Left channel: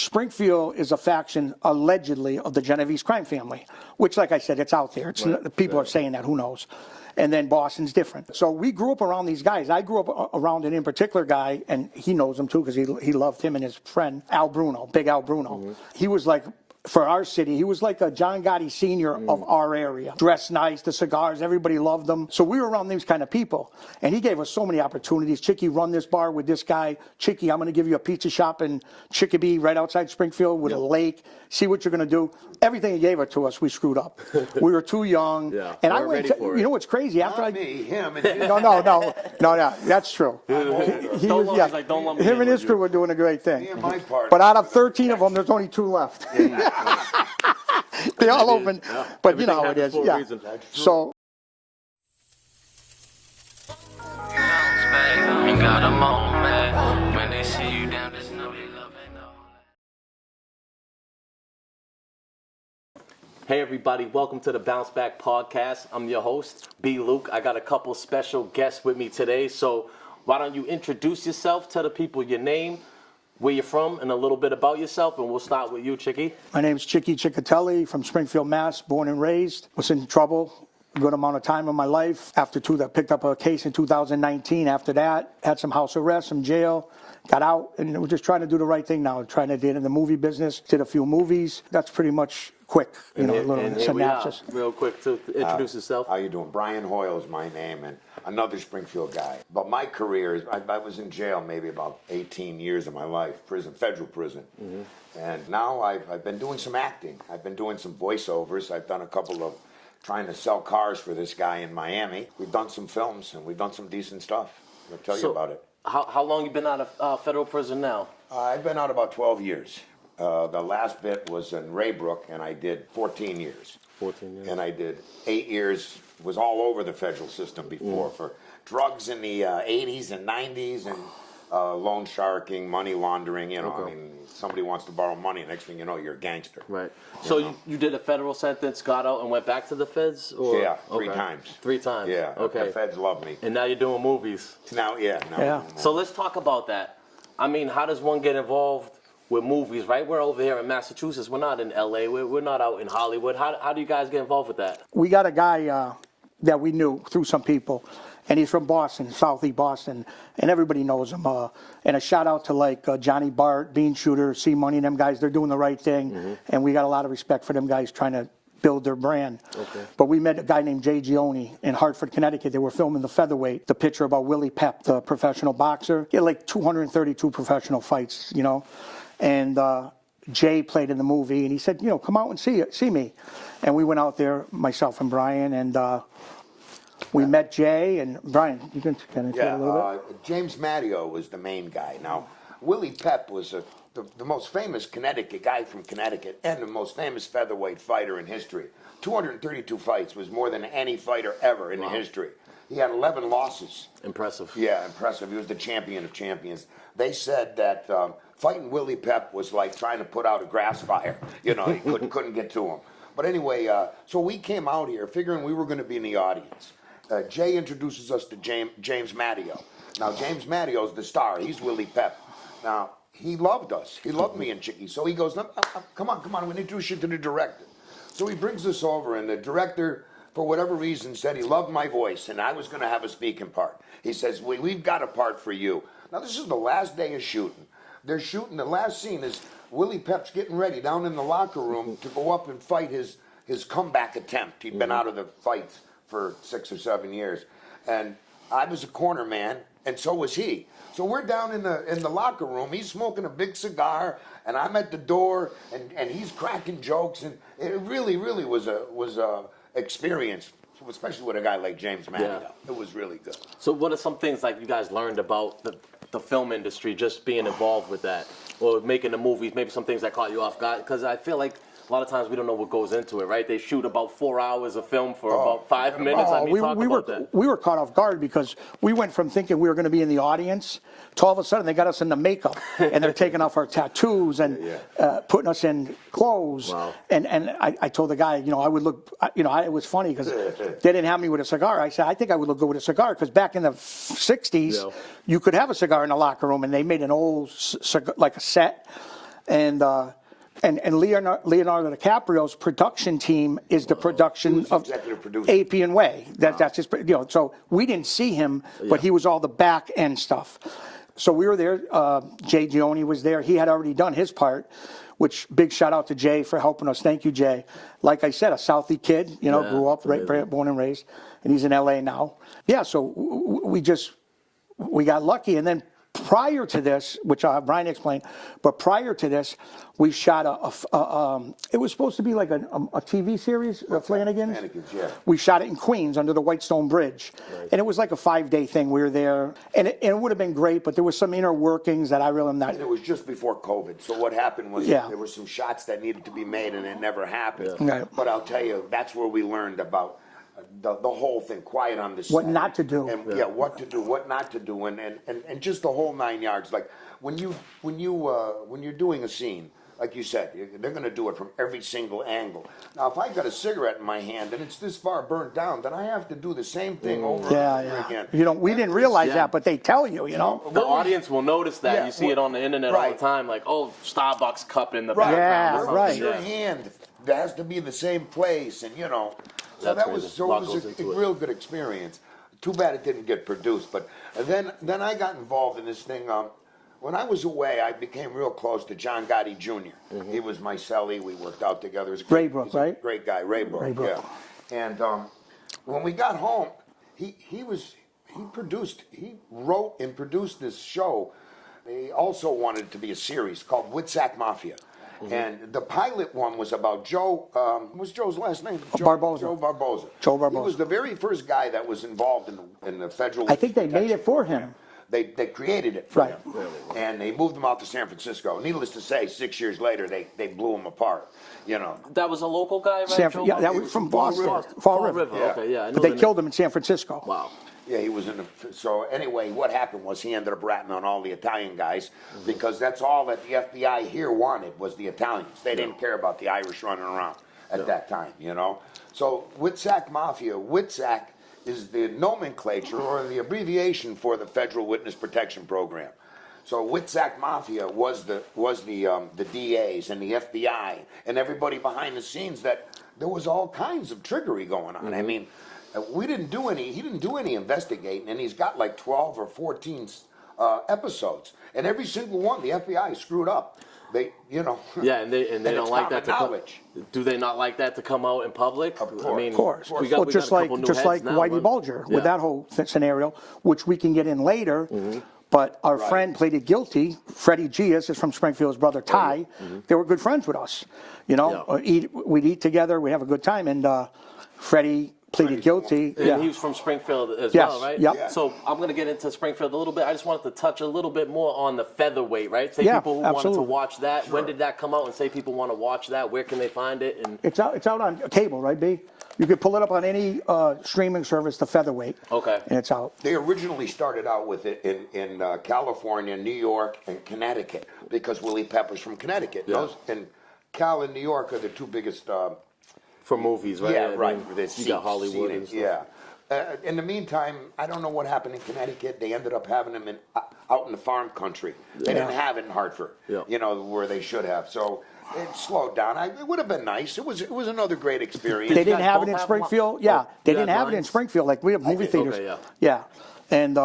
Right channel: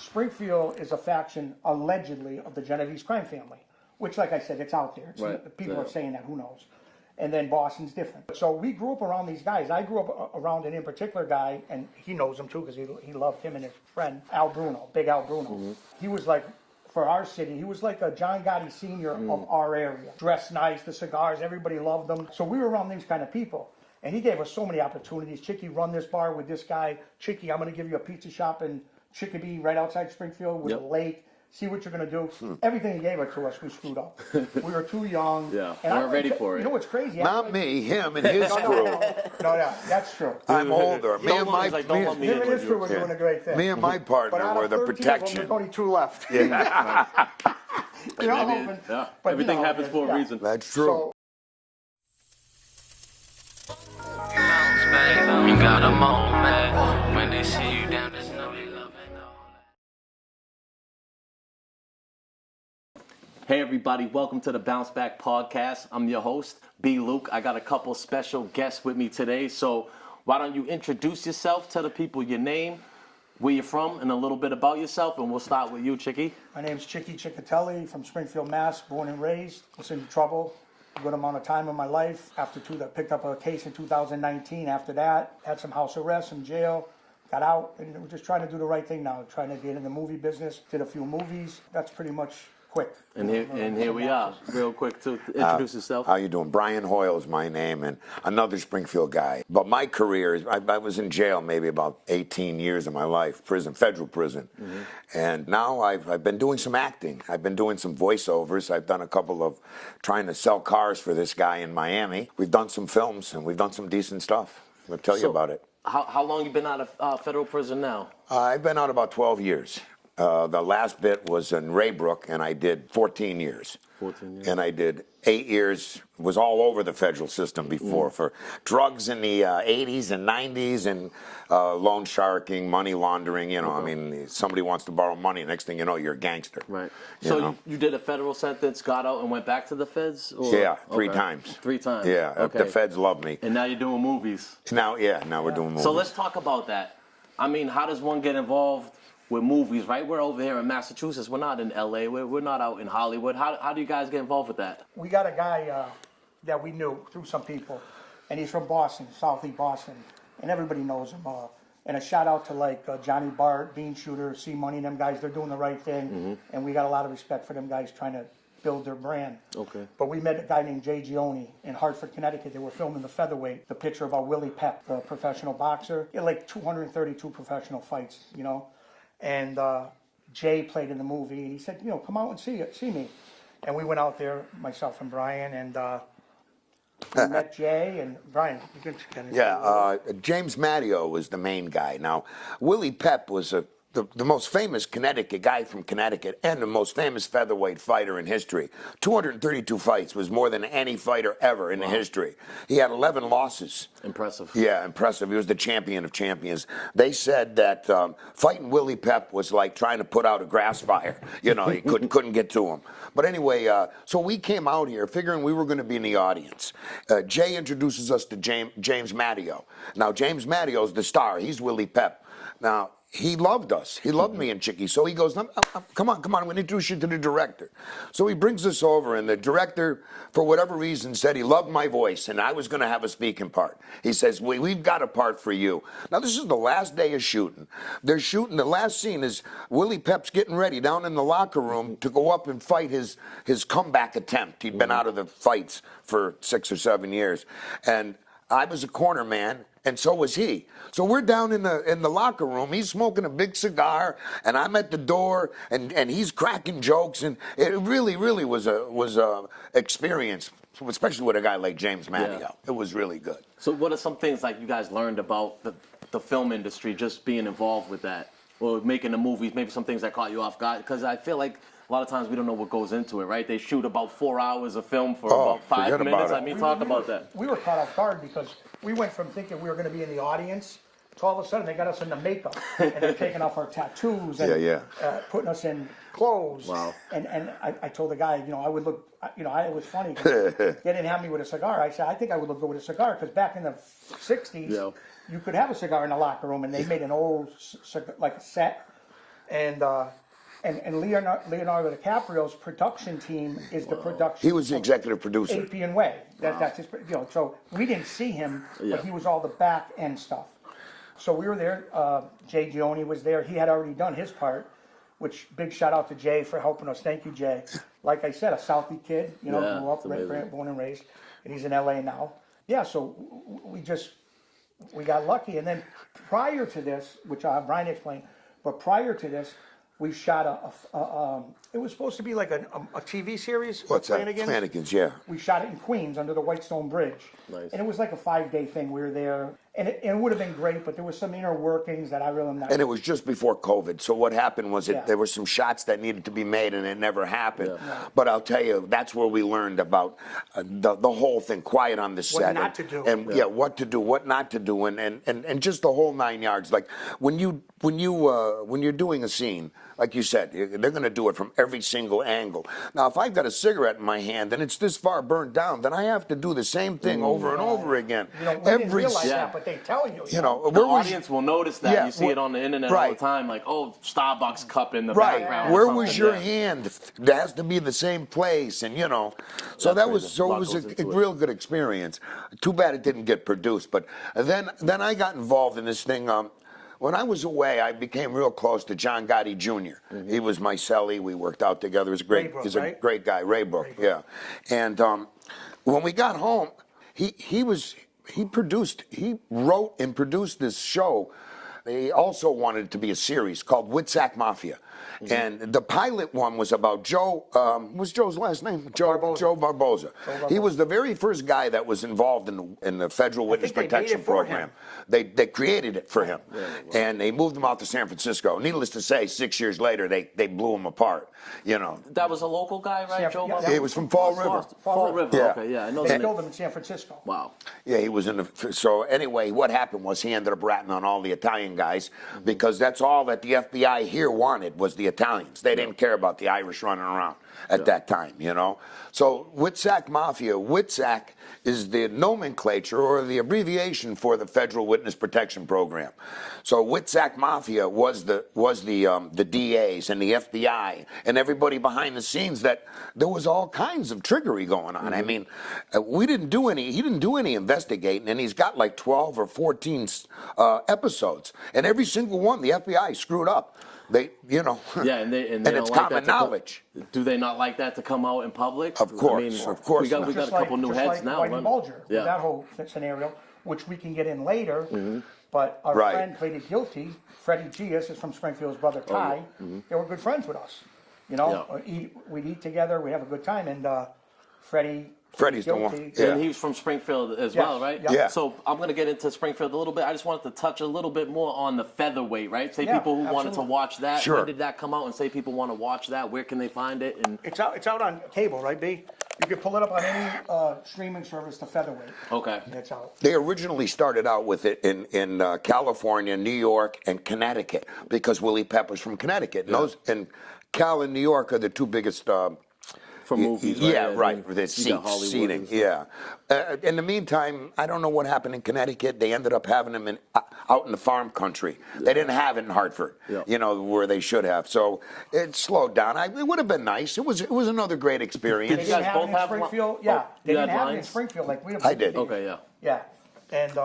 Springfield is a faction, allegedly, of the Genovese crime family, which, like I said, it's out there. It's, people are saying that, who knows. And then Boston's different. So we grew up around these guys. I grew up around an in particular guy, and he knows him too because he loved him and his friend, Al Bruno, Big Al Bruno. He was like, for our city, he was like a John Gotti Sr. of our area. Dressed nice, the cigars, everybody loved him. So we were around these kind of people. And he gave us so many opportunities. Chicky, run this bar with this guy. Chicky, I'm going to give you a pizza shop in Chickabee right outside Springfield with a lake. See what you're going to do. Everything he gave it to us, we screwed up. We were too young. And we're ready for it. You know what's crazy? Not me, him and his No, that's true. I'm older. Him and his crew were doing a great thing. Me and my partner. But out of 13 of them, there's only 2 left. They all open. But everything happens for a reason. That's true. So, You got a moment when they see you down, there's no they love and all. Hey everybody, welcome to the Bounce Back Podcast. I'm your host, B. Luke. I got a couple special guests with me today, so why don't you introduce yourself, tell the people your name, where you're from, and a little bit about yourself, and we'll start with you, Chicky. my name's Chicky Cecchetelli from Springfield, Mass, born and raised. Was in trouble a good amount of time in my life. After that, picked up a case in 2019. After that, had some house arrest, some jail. Got out, and we're just trying to do the right thing now. Trying to get in the movie business. Did a few movies. That's pretty much quick. And here we are, real quick, to introduce yourself. How you doing? Brian Hoyle is my name, and another Springfield guy. But my career, I was in jail maybe about 18 years of my life, federal prison. And now I've been doing some acting. I've been doing some voiceovers. I've done a couple of trying to sell cars for this guy in Miami. We've done some films, and we've done some decent stuff. I'll tell you about it. How long you been out of federal prison now? I've been out about 12 years. The last bit was in Raybrook, and I did 14 years. 14 years. And I did 8 years, was all over the federal system before for drugs in the 80s and 90s and loan sharking, money laundering, you know. I mean, somebody wants to borrow money, next thing you know, you're a gangster. Right. So you did a federal sentence, got out, and went back to the feds? Or? Yeah, 3 times. 3 times? Yeah, okay. The feds love me. And now you're doing movies? Now we're doing movies. So let's talk about that. I mean, how does one get involved with movies, right? We're over here in Massachusetts. We're not in L.A. We're not out in Hollywood. How do you guys get involved with that? We got a guy that we knew through some people, and he's from Boston, Southeast Boston, and everybody knows him. And a shout out to like Johnny Bart, Bean Shooter, C Money, and them guys. They're doing the right thing, and we got a lot of respect for them guys trying to build their brand. Okay. But we met a guy named Jay Gioni in Hartford, Connecticut. They were filming the featherweight, the picture about Willie Pep, the professional boxer. He had like 232 professional fights, you know. And Jay played in the movie, and he said, you know, come out and see me. And we went out there, myself and Brian, and we met Jay and Brian. You can kind of James Matteo was the main guy. Now, Willie Pep was the most famous Connecticut guy from Connecticut and the most famous featherweight fighter in history. 232 fights was more than any fighter ever in the history. He had 11 losses. Impressive. Yeah, impressive. He was the champion of champions. They said that fighting Willie Pep was like trying to put out a grass fire. You know, you couldn't get to him. But anyway, so we came out here figuring we were going to be in the audience. Jay introduces us to James Matteo. Now, James Matteo's the star. He's Willie Pep. Now, he loved us. He loved me and Chicky. So he goes, come on, I'm going to introduce you to the director. So he brings us over, and the director, for whatever reason, said he loved my voice, and I was going to have a speaking part. He says, we've got a part for you. Now, this is the last day of shooting. They're shooting, the last scene is Willie Pep's getting ready down in the locker room to go up and fight his comeback attempt. He'd been out of the fights for 6 or 7 years. And I was a corner man, and so was he. So we're down in the locker room. He's smoking a big cigar, and I'm at the door, and he's cracking jokes, and it really was a experience, especially with a guy like James Matteo. Yeah. It was really good. So what are some things like you guys learned about the film industry, just being involved with that, or making the movies? Maybe some things that caught you off guard, because I feel like a lot of times we don't know what goes into it, right? They shoot about 4 hours of film for about 5 minutes. I mean, talk about that. We were caught off guard because we went from thinking we were going to be in the audience to all of a sudden they got us in the makeup and they're taking off our tattoos and putting us in clothes. Wow. And I told the guy, you know, I would look, you know, it was funny because they didn't have me with a cigar. I said, I think I would look good with a cigar because back in the 60s, you could have a cigar in the locker room, and they made an old cigar, like a set. And Leonardo DiCaprio's production team is the production. He was the of executive producer. AP and Way. That's his. So we didn't see him, but he was all the back end stuff. So we were there. Jay Gioni was there. He had already done his part. Which big shout out to Jay for helping us. Thank you, Jay. Like I said, a Southie kid. Grew up born and raised, and he's in LA now. Yeah. So we got lucky, and then prior to this, which I'll have Brian explain, but prior to this, we shot it was supposed to be like a TV series, Flanagan's. Flanagan's, yeah. We shot it in Queens under the Whitestone Bridge. Nice. And it was like a 5-day thing. We were there, and it would have been great, but there was some inner workings that I really am not. And it was just before COVID. So what happened was there were some shots that needed to be made, and it never happened. Yeah. Right. But I'll tell you, that's where we learned about the whole thing, quiet on the set. What not to do. And what to do, what not to do, and just the whole 9 yards. Like when you're doing a scene, like you said, they're going to do it from every single angle. Now, if I've got a cigarette in my hand and it's this far burnt down, then I have to do the same thing over and over again. We didn't realize that, but they tell you. You know, the audience will notice that. Yeah, you see it on the internet all the time, like, Starbucks cup in the background. Where or was something. your hand? It has to be the same place, and So That's it was a real good experience. Too bad it didn't get produced, but then I got involved in this thing. When I was away, I became real close to John Gotti Jr. He was my cellie. We worked out together. He's a great guy, Raybrook, yeah. And when we got home, he wrote and produced this show. He also wanted it to be a series called Witsac Mafia. And the pilot one was about Joe, what's Joe's last name? Barboza. Joe Barboza. He was the very first guy that was involved in the federal witness protection program. They created it for him. And they moved him out to San Francisco. Needless to say, 6 years later, they blew him apart. That was a local guy, right? Joe Barboza? He was from Fall River. Fall River, okay, yeah. I know They killed him in San Francisco. Wow. Yeah, he was in the. So anyway, what happened was he ended up ratting on all the Italian guys because that's all that the FBI here wanted was the Italians. They didn't care about the Irish running around at that time, So Witsac Mafia, Witsac is the nomenclature or the abbreviation for the Federal Witness Protection Program. So Witsac Mafia was the DAs and the FBI and everybody behind the scenes that there was all kinds of trickery going on. I mean, he didn't do any investigating, and he's got like 12 or 14 episodes, and every single one the FBI screwed up. They. Yeah, and they don't like that to come. Do they not like that to come out in public? Of course, I mean, of course. we got a couple new heads now. Whitey Bulger with that whole scenario, which we can get in later. But our friend pleaded guilty. Freddie Gias is from Springfield's brother Ty. They were good friends with us. We'd eat together. We have a good time, and Freddie pleaded guilty. And he was from Springfield as well, right? Yeah. So I'm going to get into Springfield a little bit. I just wanted to touch a little bit more on the featherweight, right? Say people who wanted to watch that. Sure. When did that come out? And say people want to watch that. Where can they find it? And it's out on cable, right, B? You can pull it up on any streaming service, the featherweight. Okay. And it's out. They originally started out with it in California, New York, and Connecticut because Willie Pepper's from Connecticut. Yeah. And Cal and New York are the two biggest. For movies, right? Yeah, right. You got Hollywood and stuff. Yeah. In the meantime, I don't know what happened in Connecticut. They ended up having them out in the farm country. They didn't have it in Hartford, where they should have. So it slowed down. It would have been nice. It was another great experience. They didn't have it in Springfield. They didn't have it in Springfield. Like we have movie theaters. Okay, yeah. And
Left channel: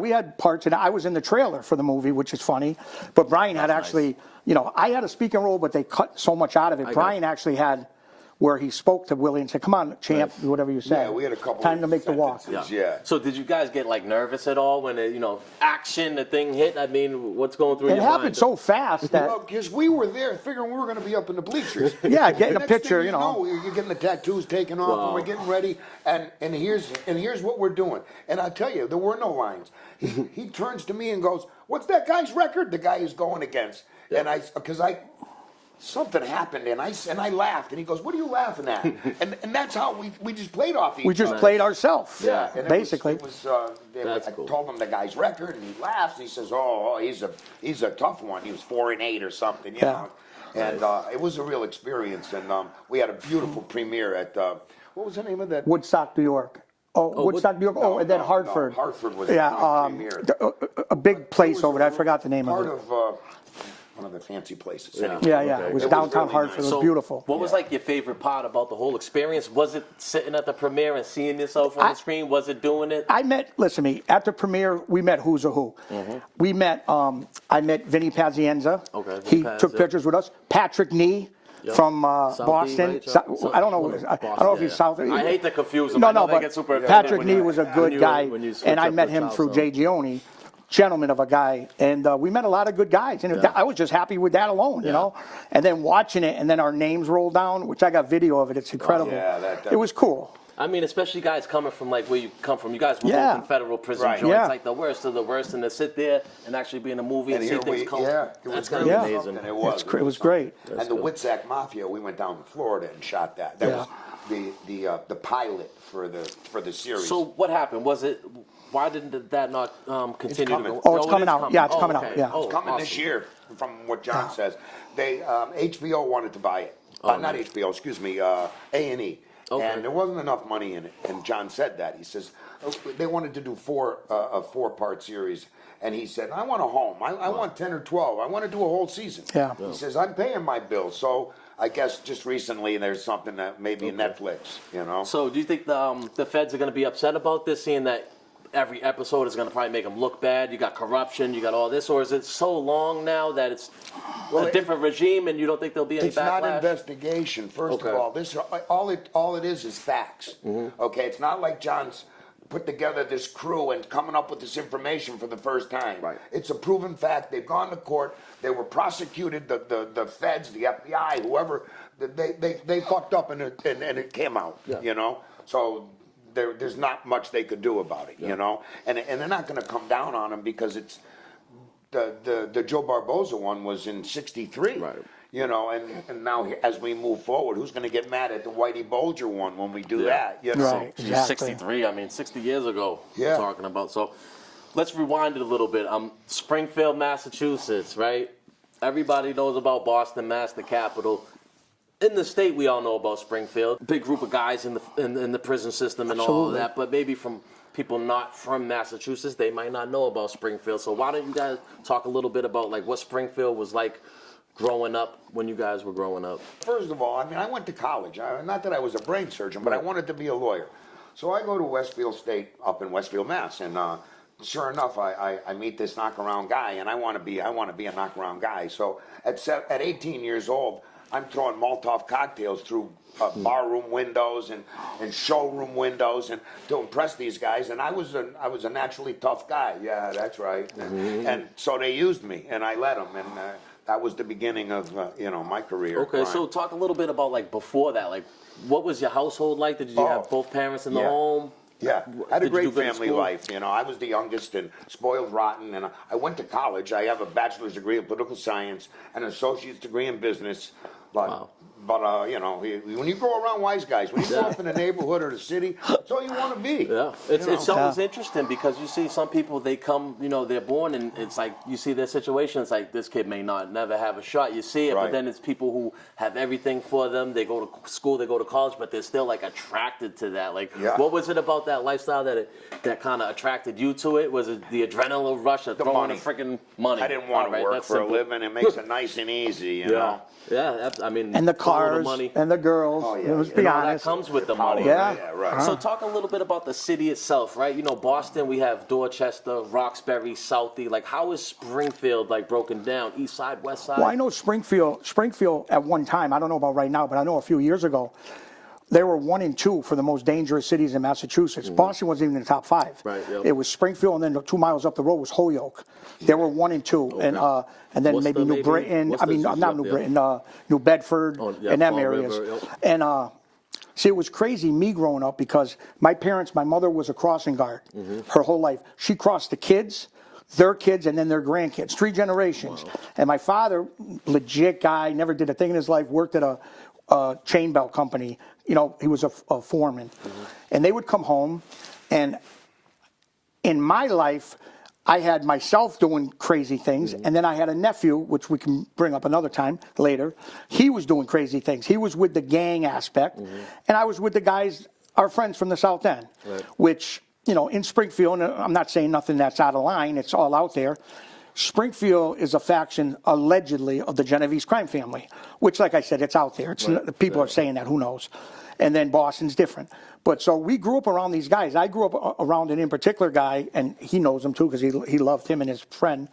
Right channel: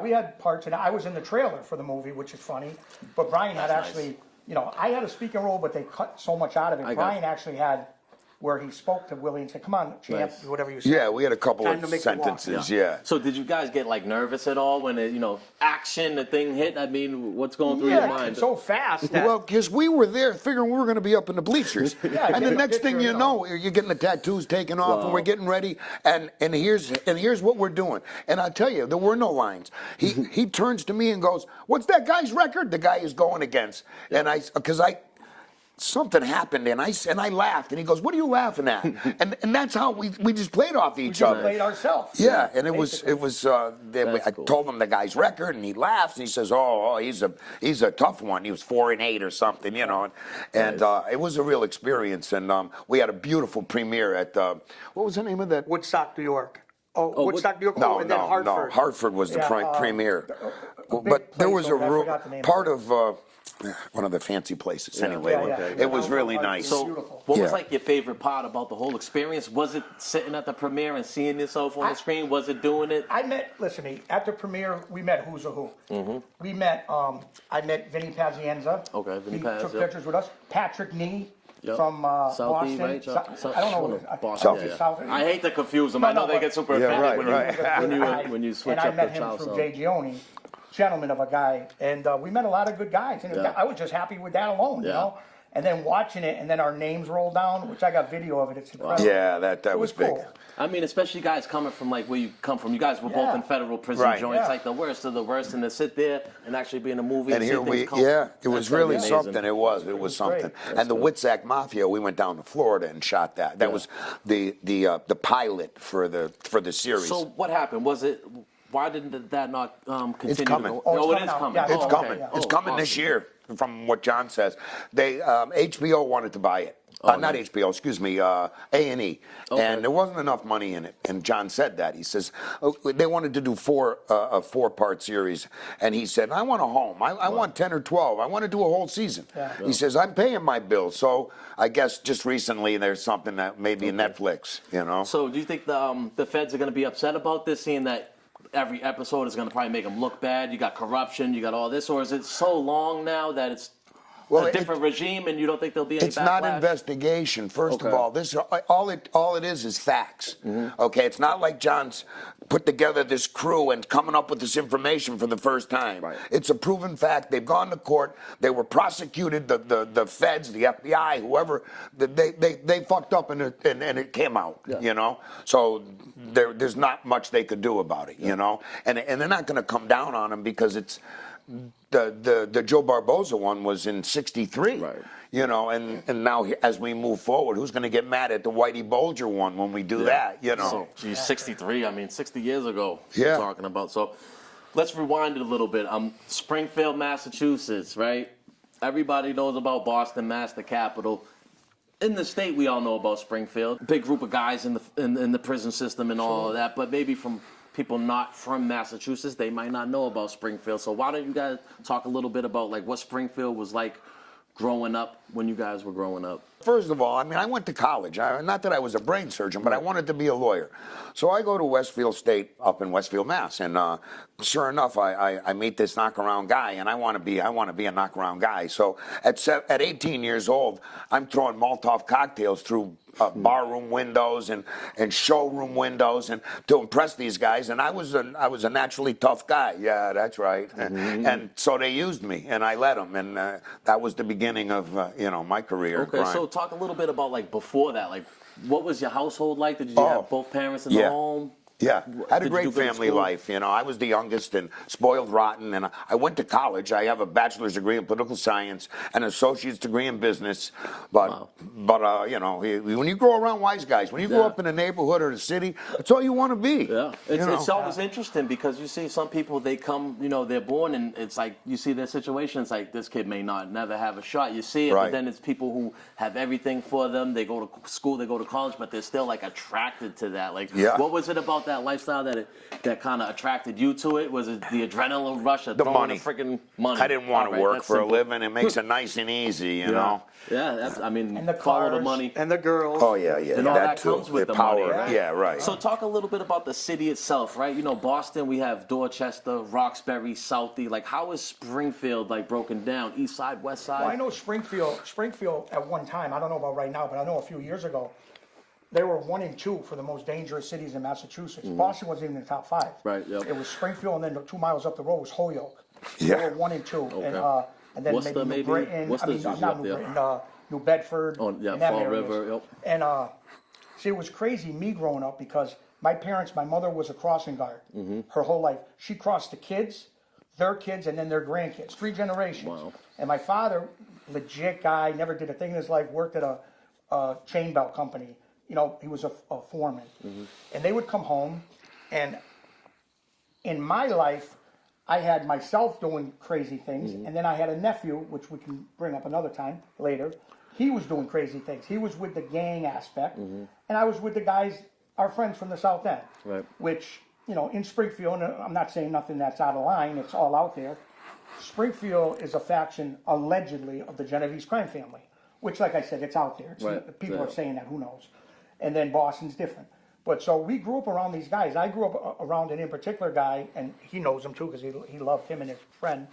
we had parts in it. I was in the trailer for the movie, which is funny. But Brian had actually, I had a speaking role, but they cut so much out of it. Brian actually had where he spoke to Willie and said, "Come on, champ, do whatever you say." Yeah, we had a couple time of to make sentences. the walk. Yeah. So did you guys get like nervous at all when it, action, the thing hit? I mean, what's going through your mind? It happened so fast that. Well, because we were there figuring we were going to be up in the bleachers. Yeah, and the next thing you know, you're getting the tattoos taken off, and we're getting ready. And here's what we're doing. And I tell you, there were no lines. He turns to me and goes, "What's that guy's record?" The guy is going against. And something happened, and I laughed, and he goes, "What are you laughing at?" and that's how we just played off each other. We just played ourselves. Yeah, and basically. it was. I told him the guy's record, and he laughs. He says, "Oh, he's a tough one. He was 4-8 or something, know." And it was a real experience, and we had a beautiful premiere at what was the name of that? Woodstock, New York. Woodstock, New York. And then Hartford. No, Hartford was the premiere. A big place over there. I forgot the name. Part of of one of the fancy places. Yeah. Anyway. Yeah, yeah. Okay. It was It was downtown really Hartford. nice. It was beautiful. What was Yeah. like your favorite part about the whole experience? Was it sitting at the premiere and seeing yourself on the screen? Was it doing it? Listen to me, at the premiere, we met Who's a Who. We met, I met Vinny Pazienza. Okay, He Vinny Paz, took yep. pictures with us. Patrick Nee. Yep. From Southie, Boston. right? I don't know what it is. I don't know if he's South. I hate to confuse them. I know they but get super Patrick offended Nee when was you, a good guy, when you switch and I up met the him child through sound. Jay Gioni, gentleman of a guy, and we met a lot of good guys, and Yeah. I was just happy with that alone, you Yeah. know. And then watching it, and then our names rolled down, which I got video of it. It's incredible. Yeah, that it was was big. cool. I mean, especially guys coming from like where you come from. You guys were Yeah. both in federal prison Right. joints, Yeah. like the worst of the worst, and to sit there and actually be in a movie and, And see here things we, come. yeah, it That's was gonna be really amazing. something. It was. It was something. great. And the Witsac Mafia, we went down to Florida and shot that. That was the pilot for the series. So what happened? Was it? Why didn't that not continue to coming. go? Oh, it's it coming is out. coming. Yeah, it's Oh, coming okay. out, yeah. It's Oh, coming this awesome. year, from what John says. They HBO wanted to buy it. Not nice. HBO, excuse me, A&E. Okay. And there wasn't enough money in it. And John said that. He says they wanted to do a four-part series. And he said, I want a home. I want 10 or 12. I want to do a whole season. Yeah. He says, I'm paying my bills. So I guess just recently there's something that maybe Netflix, you know. So do you think the feds are going to be upset about this, seeing that every episode is going to probably make them look bad? You got corruption, you got all this, or is it so long now that it's a different regime, and you don't think there'll be any It's backlash? not investigation. First Okay. of all, this all it is facts. Okay, it's not like John's put together this crew and coming up with this information for the first time. Right. It's a proven fact. They've gone to court. They were prosecuted. The feds, the FBI, whoever, they fucked up and it came out. Yeah. You know, so. There's not much they could do about it, you know, and they're not going to come down on him because it's the Joe Barboza one was in '63, Right. you know, and now as we move forward, who's going to get mad at the Whitey Bulger one when we do that, you know? Right. Geez, Exactly. 63, I mean, 60 years ago, Yeah. we're talking about. So let's rewind it a little bit. Springfield, Massachusetts, right? Everybody knows about Boston, Mass, the capital. In the state, we all know about Springfield. Big group of guys in the prison system and all of that. But maybe from people not from Massachusetts, they might not know about Springfield. So why don't you guys talk a little bit about like what Springfield was like growing up when you guys were growing up? First of all, I mean, I went to college. Not that I was a brain surgeon, but I wanted to be a lawyer. So I go to Westfield State up in Westfield, Mass, and sure enough, I meet this knockaround guy, and I want to be a knockaround guy. So at 18 years old, I'm throwing Molotov cocktails through barroom windows and showroom windows, and to impress these guys. And I was a naturally tough guy. Yeah, that's right. And so they used me, and I let them, and that was the beginning of my career. Okay, so talk a little bit about like before that, like what was your household like? Did you have both parents in the home? Yeah, I had a Did you great do good in family school? life. You know, I was the youngest and spoiled rotten, and I went to college. I have a bachelor's degree in political science and an associate's degree in business. But you know, when you grow around wise guys, when you grow up in a neighborhood or a city, that's all you want to be. Yeah, it's always interesting because you see some people, they come, you know, they're born and it's like you see their situation. It's like this kid may never have a shot. You see it, Right. but then it's people who have everything for them. They go to school, they go to college, but they're still like attracted to that. Like, what was it about that lifestyle that kind of attracted you to it? Was it the adrenaline rush of throwing money. the freaking money? I didn't want to Alright, work that's for simple. a living. It makes it nice and easy, you Yeah, know. yeah. I mean, And the follow cars, the money. and the girls. Oh, yeah, It was yeah. the And all that attitude. comes with the power, money, Yeah. right? Yeah, right. So talk a little bit about the city itself, right? You know, Boston, we have Dorchester, Roxbury, Southie. Like, how is Springfield, like, broken down? East side, west side? Well, I know Springfield at one time, I don't know about right now, but I know a few years ago, they were 1 and 2 for the most dangerous cities in Massachusetts. Boston wasn't even in the top 5. Right, yep. It was Springfield, and then 2 miles up the road was Holyoke. They were 1 and 2. Okay. And then Worcester, maybe New Britain. Worcester's I mean, usually not up New there. Britain, New Bedford, Oh, yeah, and them Fall areas. River, yep. And see, it was crazy me growing up because my mother was a crossing guard her whole life. She crossed the kids, their kids, and then their grandkids, 3 generations. Wow. And my father, legit guy, never did a thing in his life, worked at a chain belt company. You know, he was a foreman. And they would come home, and in my life, I had myself doing crazy things, and then I had a nephew, which we can bring up another time later. He was doing crazy things. He was with the gang aspect, and I was with the guys, our friends from the South End, Right. which, you know, in Springfield, and I'm not saying nothing that's out of line, it's all out there. Springfield is a faction, allegedly, of the Genovese crime family, which, like I said, it's out there. People are saying that, who knows? And then Boston's different. But so we grew up around these guys. I grew up around an in particular guy, and he knows him too because he loved him and his friend,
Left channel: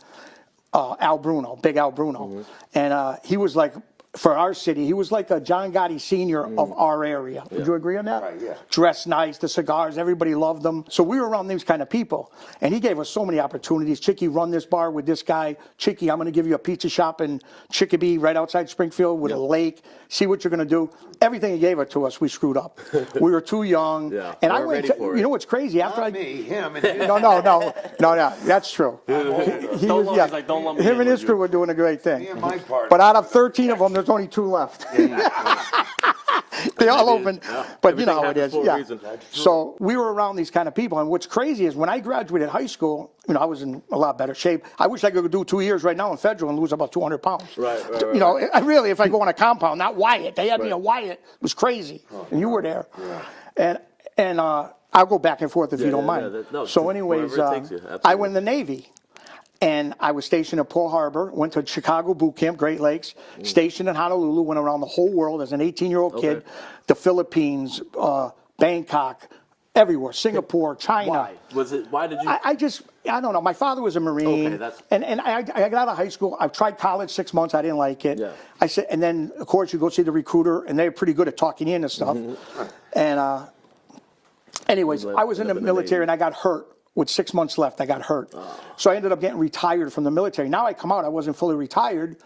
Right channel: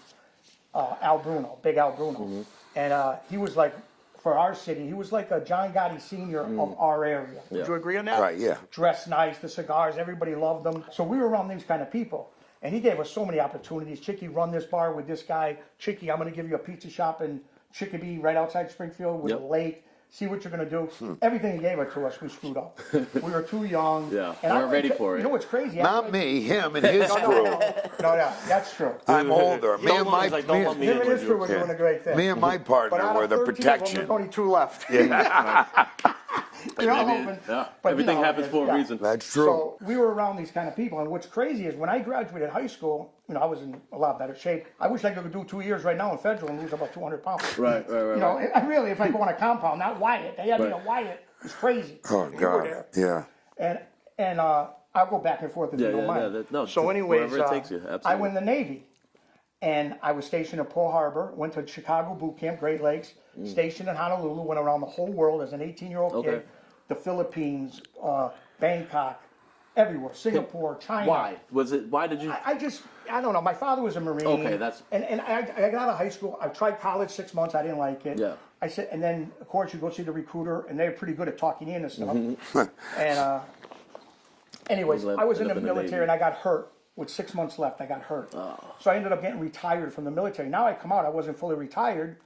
Al Bruno, Big Al Bruno. And he was like, for our city, he was like a John Gotti Sr. of our area. Would you agree on that? Right, yeah. Dressed nice, the cigars, everybody loved them. So we were around these kind of people. And he gave us so many opportunities. Chicky, run this bar with this guy. Chicky, I'm going to give you a pizza shop in Chickabee right outside Springfield with a lake. See what you're going to do. Everything he gave it to us, we screwed up. We were too young. And we're ready for it. You know what's crazy? Not me, him and his. No, that's true. I'm older. Don't lump me Him in and his with crew you. were doing a great thing. Me and my partner. But out were of the 13 of them, protection. there's only 2 left. They all opened. But Everything you know how it happens is. for a reason. That's true. So we were around these kind of people, and what's crazy is when I graduated high school, I was in a lot better shape. I wish I could do 2 years right now in federal and lose about 200 pounds. Right. I really, if I go on a compound, not Wyatt. They had me at Wyatt. It was crazy. And you were there. Yeah. And I'll go back and forth if you don't mind. No, so anyways, wherever it takes you, absolutely. I went in the Navy. And I was stationed at Pearl Harbor, went to Chicago boot camp, Great Lakes, stationed in Honolulu, went around the whole world as an 18-year-old kid, the Philippines, Bangkok, everywhere, Singapore, China. Why? Why did you? I don't know. My father was a Marine. Okay, that's. And I got out of high school. I tried college 6 months. I didn't like it. Yeah. I said, and then of course you go see the recruiter, and they're pretty good at talking you into stuff. And anyways, I was in the military, and I got hurt. With 6 months left, I got hurt. So I ended up getting retired from the military. Now I come out, I wasn't fully retired,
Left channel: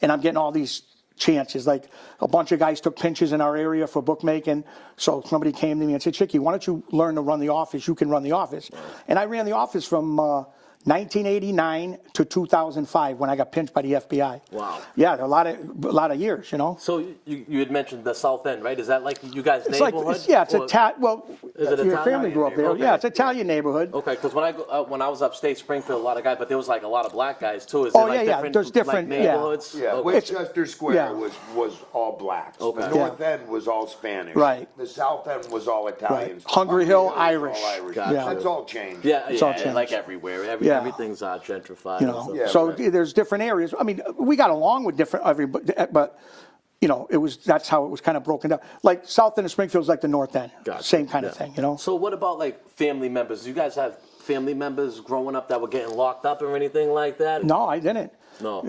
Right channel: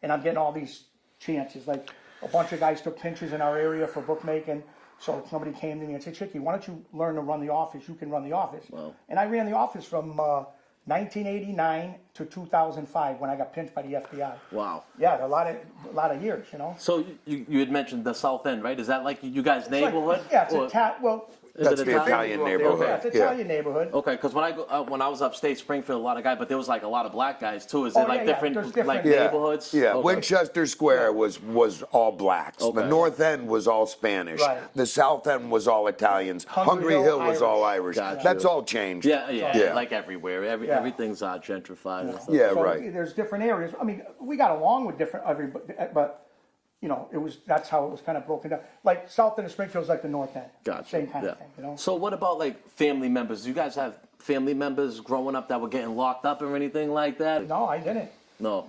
and I'm getting all these chances. Like a bunch of guys took pinches in our area for bookmaking. So somebody came to me and said, Chicky, why don't you learn to run the office? You can run the office. And I ran the office from 1989 to 2005 when I got pinched by the FBI. Wow. Yeah, a lot of years, So you had mentioned the South End, right? Is that like you guys' neighborhood? It's Or- Is it Italian neighborhood? Yeah, it's Italian neighborhood. Okay, because when I was upstate Springfield, a lot of guys, but there was like a lot of black guys too. Is there like different, There's different neighborhoods? Yeah, Okay. Winchester Square was all blacks. Okay. The North End was all Spanish. Right. The South End was all Italians. Right. Hungry Hill, was all Irish. Irish. Gotcha. That's all changed. Yeah, changed. like everywhere. Everything's gentrified. And stuff. Yeah, So right. there's different areas. I mean, we got along with different everybody, but that's how it was kind of broken down. Like South End of Springfield is like the North End, Gotcha. same kind of thing, So what about like family members? Do you guys have family members growing up that were getting locked up or anything like that? No, I didn't. No.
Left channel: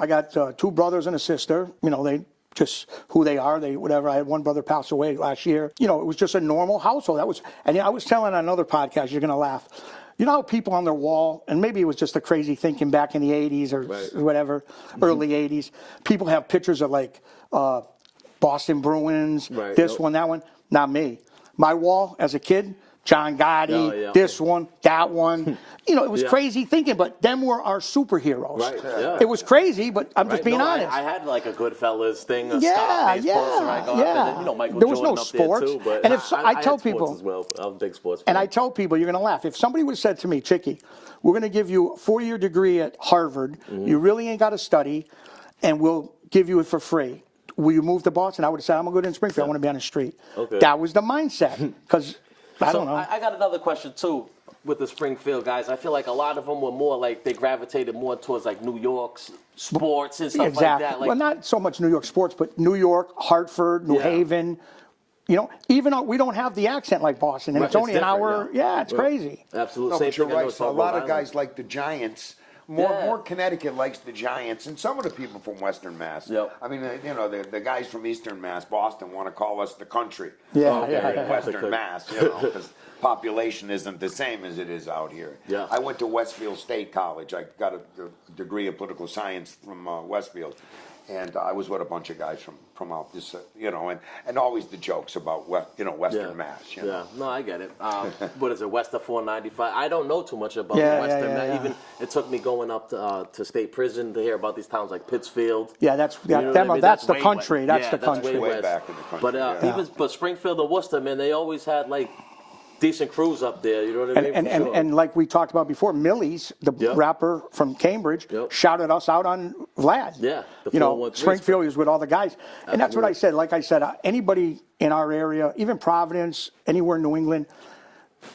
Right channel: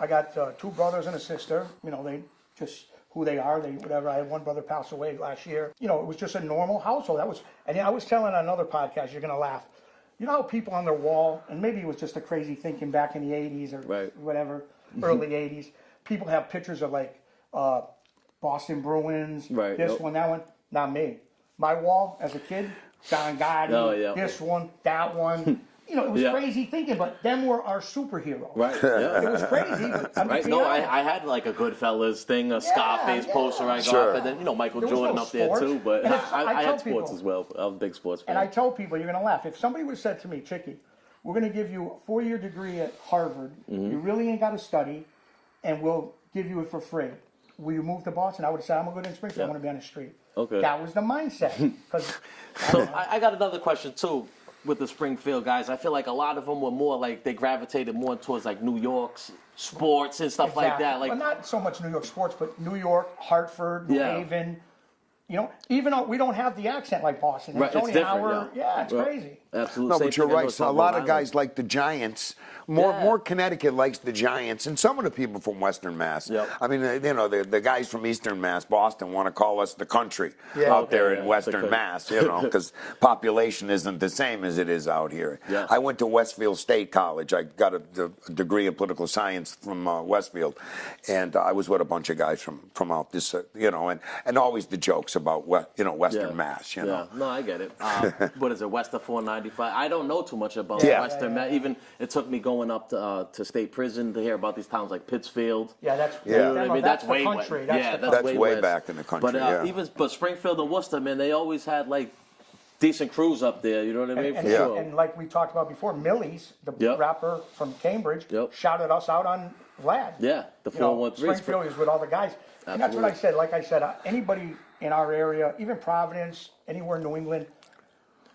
I got 2 brothers and a sister. They just who they are. Whatever. I had one brother pass away last year. It was just a normal household. And I was telling on another podcast. You're gonna laugh. You know how people on their wall, and maybe it was just a crazy thinking back in the 80s or whatever, early 80s, people have pictures of like Boston Bruins, this one, that one. Not me. My wall as a kid, John Gotti, this one, that one. It was crazy thinking, but them were our superheroes. Right. Yeah. It was crazy, but I'm just being honest. I had like a Goodfellas thing, a Scarface poster I got up, and then Michael There was Jordan no up there sports. too. But And if I tell had sports people- as well. I was a big sports fan. And I tell people, you're going to laugh. If somebody would have said to me, Chicky, we're going to give you a 4-year degree at Harvard. You really ain't got to study, and we'll give you it for free. Will you move to Boston? I would have said, I'm going to go to Springfield. I want to be on the street. Okay. That was the mindset. Because, I got another question too with the Springfield guys. I feel like a lot of them were more like they gravitated more towards like New York's sports and stuff like that. Like, well, not so much New York sports, but New York, Hartford, New Haven. Even though we don't have the accent like Boston, and Right, it's only it's an hour. different, Yeah, it's crazy. absolutely. No, Same but you're thing. I know right. it's So a on lot Rhode of guys Island. like the Giants. More Connecticut likes the Giants, and some of the people from Western Mass. Yep. I mean, the guys from Eastern Mass, Boston, want to call us the country Yeah, out there yeah, in yeah. Western Mass, because population isn't the same as it is out here. Yeah. I went to Westfield State College. I got a degree in political science from Westfield, and I was with a bunch of guys from out this, and always the jokes about Western Mass. Yeah, no, I get it. What is it, West of 495? I don't know too much about Western Mass. yeah. Even it took me going up to state prison to hear about these towns like Pittsfield. Yeah, that's You know what I mean? that's the way country. west. That's the That's country. way way west. back in the country, But but Springfield and Worcester, man, they always had like decent crews up there. You know what I mean? And, For sure. and like we talked about before, Millie's, the rapper from Cambridge, shouted us out on Vlad. Yeah, the 413. Springfield is with all the guys. And that's what I said. Like I said, anybody in our area, even Providence, anywhere in New England,